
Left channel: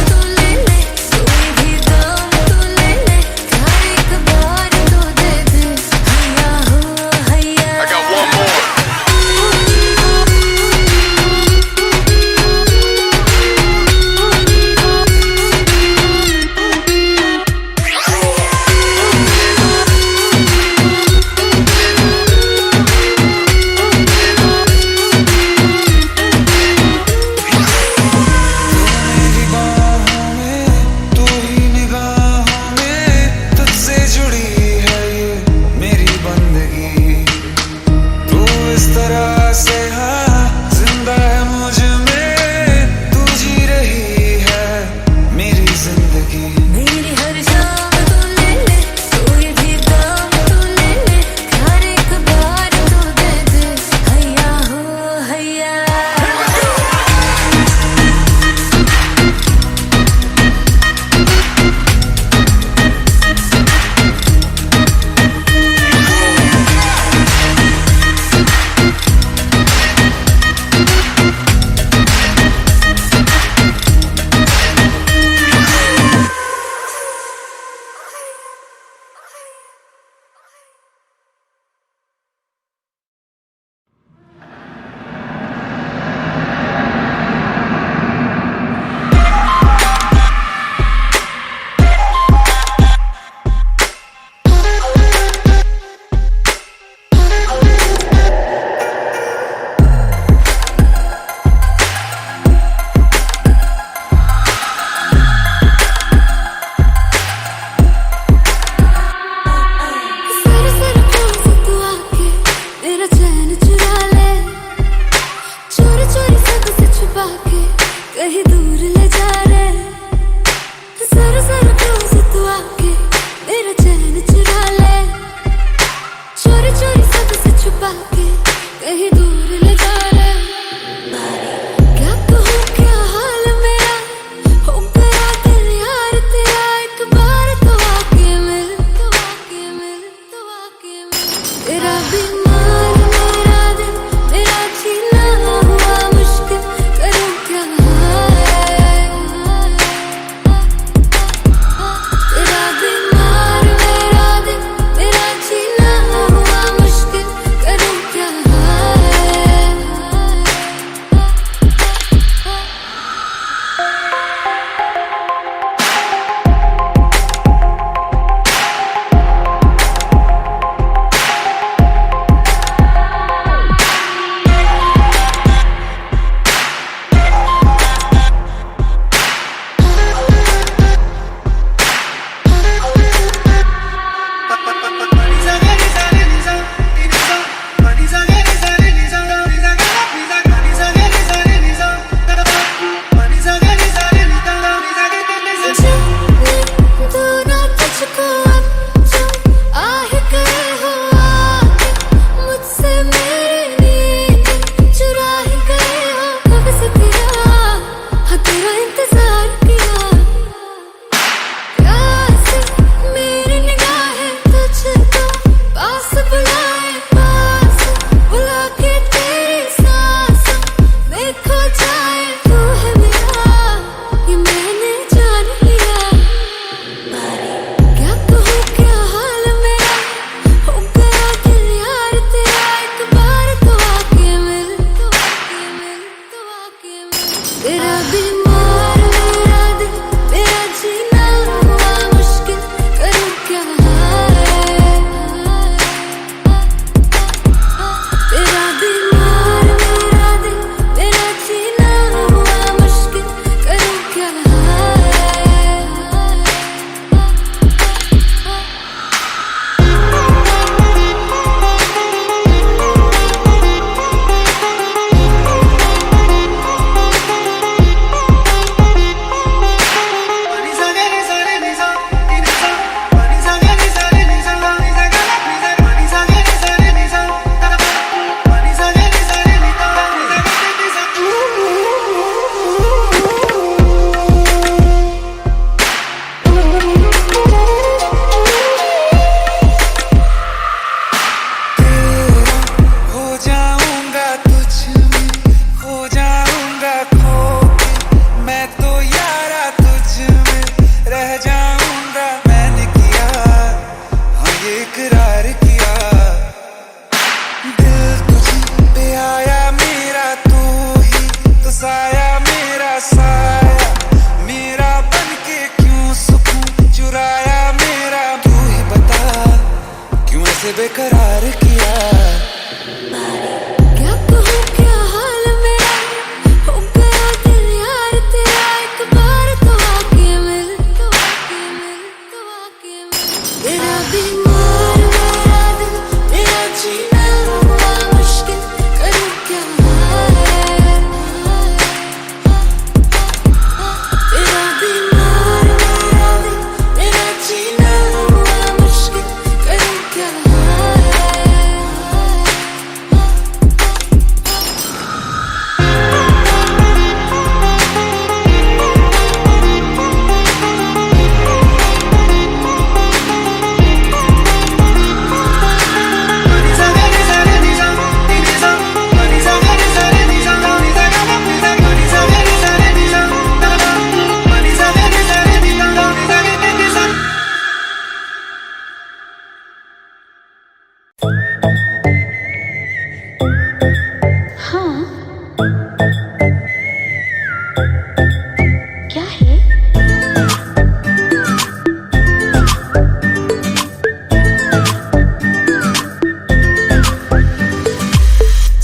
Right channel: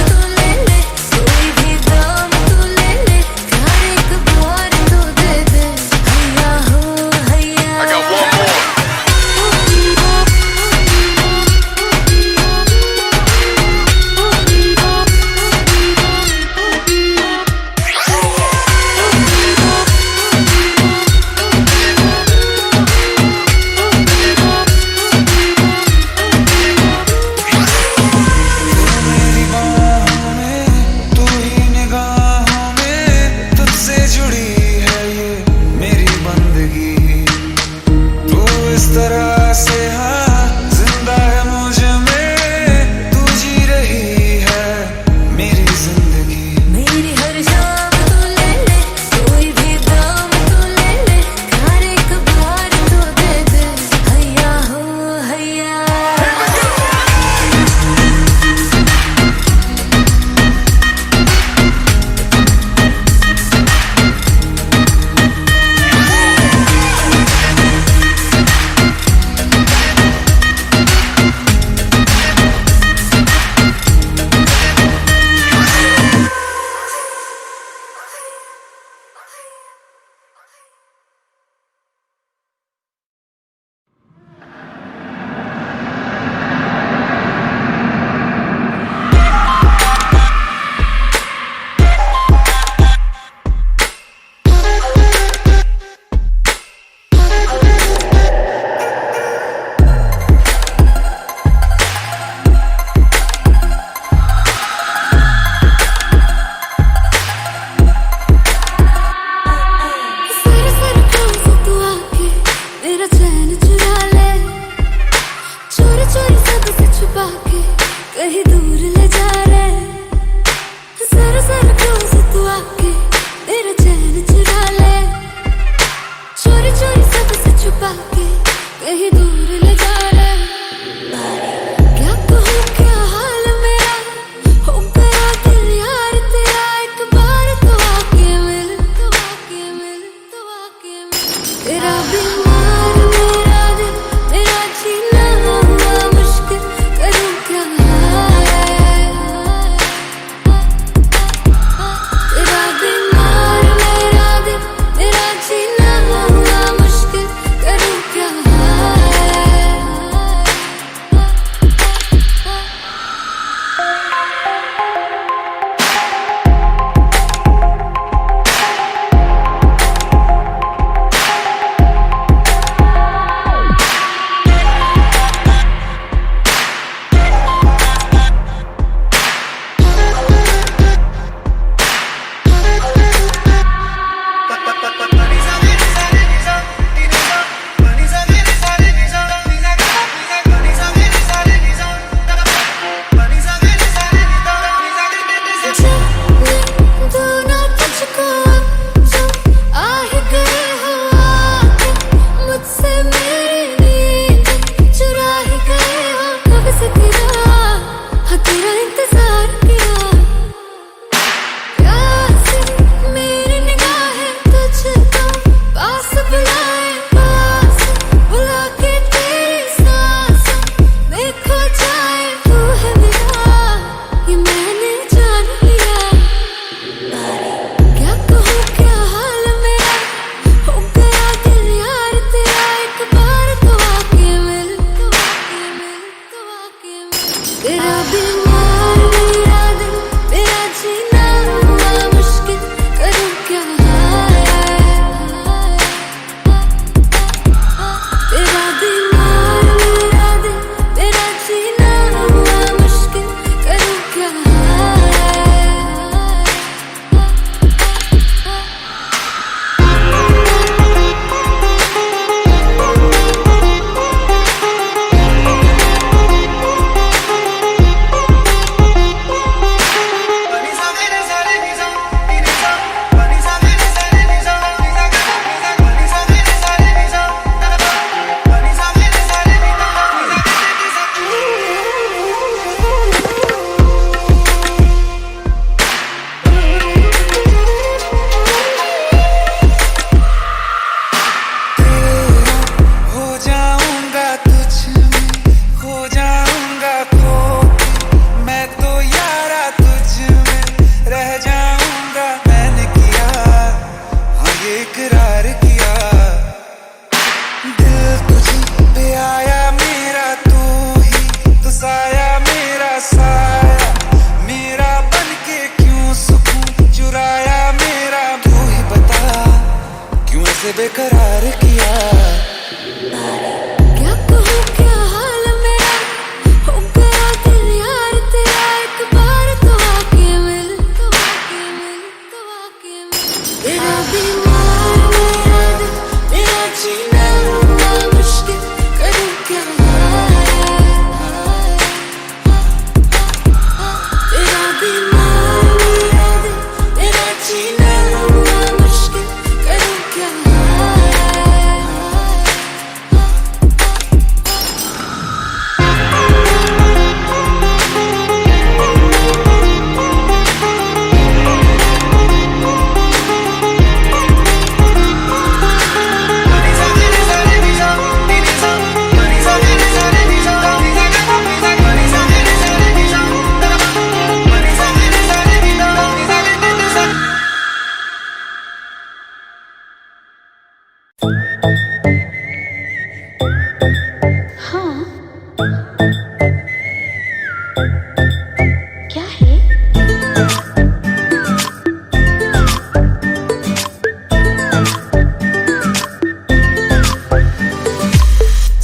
ले जा रहे, जरा जरा क्लोज तू आके मेरा चैन चुरा ले, चोरी चोरी सबसे छुपा के कहीं दूर ले जा रहे। क्या कहूँ क्या हाल मेरा, हो गया दिल यार तेरा, एक बार तो आके मिल, तो आके मिल, तो आके मिल। तेरा बीमार मेरा दिल, मेरा जीना हुआ मुश्किल, करूँ क्या तेरा बीमार मेरा दिल, मेरा जीना हुआ मुश्किल, करूँ क्या तेरा इंतजार किया, प्यार से मेरी निगाहें तुझको पास बुलाए, पास बुला के तेरी सांसों में खो जाए। तू है मेरा, ये मैंने जान लिया, क्या कहूँ क्या हाल मेरा, हो गया दिल यार तेरा, एक बार तो आके मिल, तो आके मिल, तो आके मिल। तेरा बीमार मेरा दिल, मेरा जीना हुआ मुश्किल, करूँ क्या तेरा बीमार मेरा दिल, मेरा जीना हुआ मुश्किल, करूँ क्या इकरार किया, दिल तुझी पे आया मेरा, तू ही तो साया मेरा, साया मेरा बन के क्यों सुकून चुराया मेरा। तू ही बता क्यों ऐसे बेकरार किया, क्या कहूँ क्या हाल मेरा, हो गया दिल यार तेरा, एक बार तो आके मिल, तो आके मिल, तो आके मिल। तेरा बीमार मेरा दिल, मेरा जीना हुआ मुश्किल, करूँ क्या तेरा बीमार मेरा दिल, मेरा जीना हुआ मुश्किल, करूँ क्या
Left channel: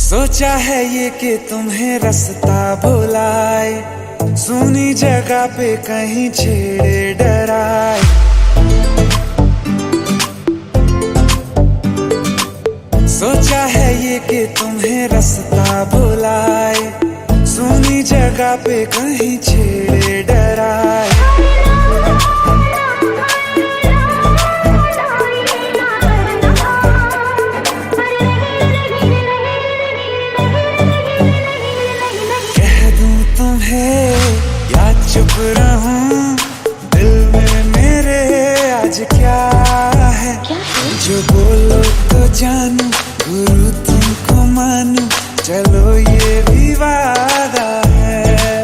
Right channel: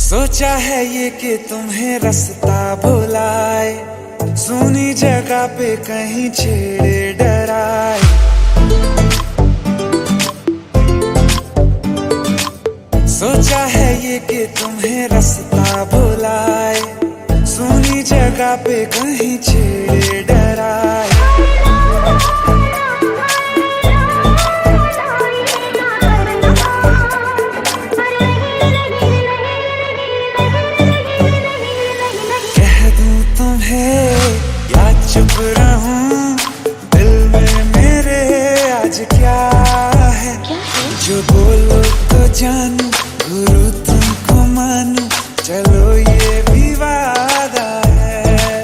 सोचा है ये कि तुम्हें रास्ता भुलाए, सुनी जगह पे कहीं छेड़े डराए। सोचा है ये कि तुम्हें रास्ता भुलाए, सुनी जगह पे कहीं छेड़े डराए। कह दूं तुम्हें या चुप रहूं, दिल में मेरे आज क्या है? जो बोलो तो जानू, गुरु तुमको मानू, चलो ये भी वादा है।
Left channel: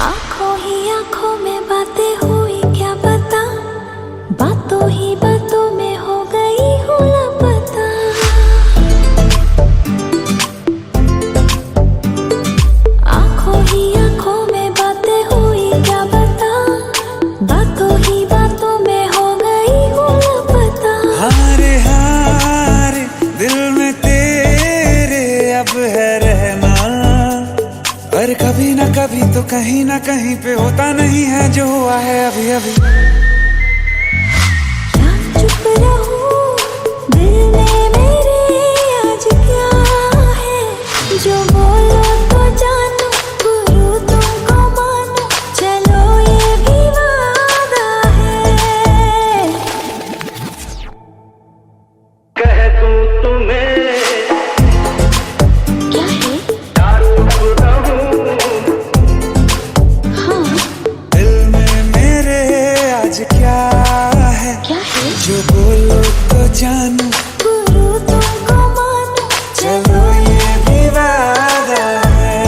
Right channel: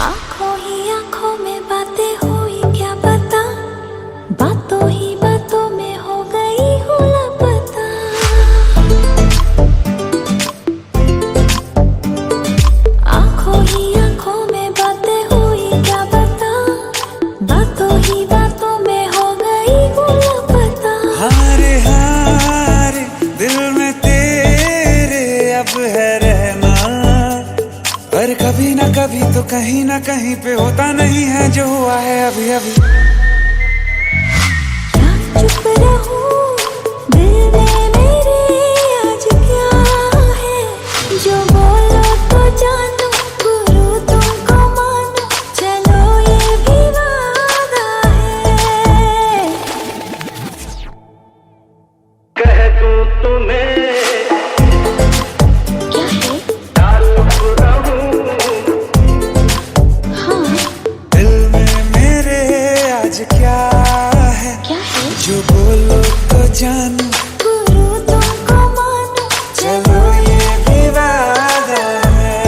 आंखों ही आंखों में बातें हुई क्या पता, बातों ही बातों में हो गई हूँ लापता। आंखों ही आंखों में बातें हुई क्या पता, बातों ही बातों में हो गई हूँ लापता। हारे हारे दिल में तेरे अब है रहना, पर कभी ना कभी तो कहीं ना कहीं पे होता नहीं है जो हुआ है अभी अभी। क्या चुप रहूं, दिल में मेरे आज क्या है? जो बोलो तो जानू, गुरु तुमको मानू, चलो ये भी वादा है। कह दूं तुम्हें क्या है? या चुप रहूं, हाँ दिल में मेरे आज क्या है? क्या है? जो बोलो तो जानू, गुरु तुमको मानू, चलो ये भी वादा है।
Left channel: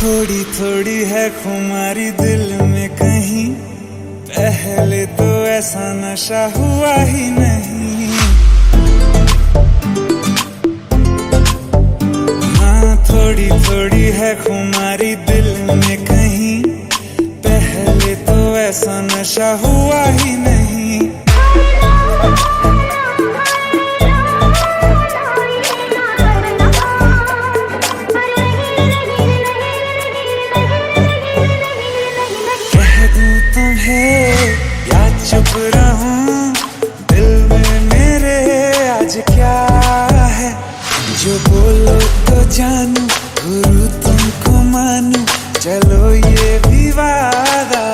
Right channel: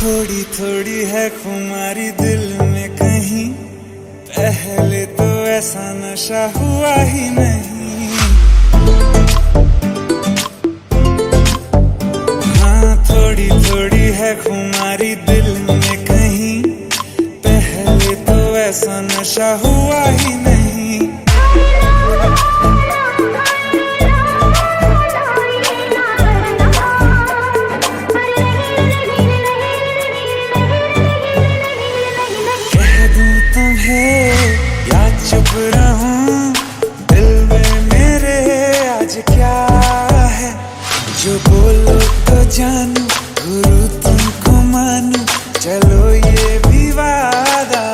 थोड़ी थोड़ी है खुमारी दिल में कहीं, पहले तो ऐसा नशा हुआ ही नहीं। हाँ थोड़ी थोड़ी है खुमारी दिल में कहीं, पहले तो ऐसा नशा हुआ ही नहीं। कह दूं तुम्हें या चुप रहूं, दिल में मेरे आज क्या है? जो बोलो तो जानू, गुरु तुमको मानू, चलो ये भी वादा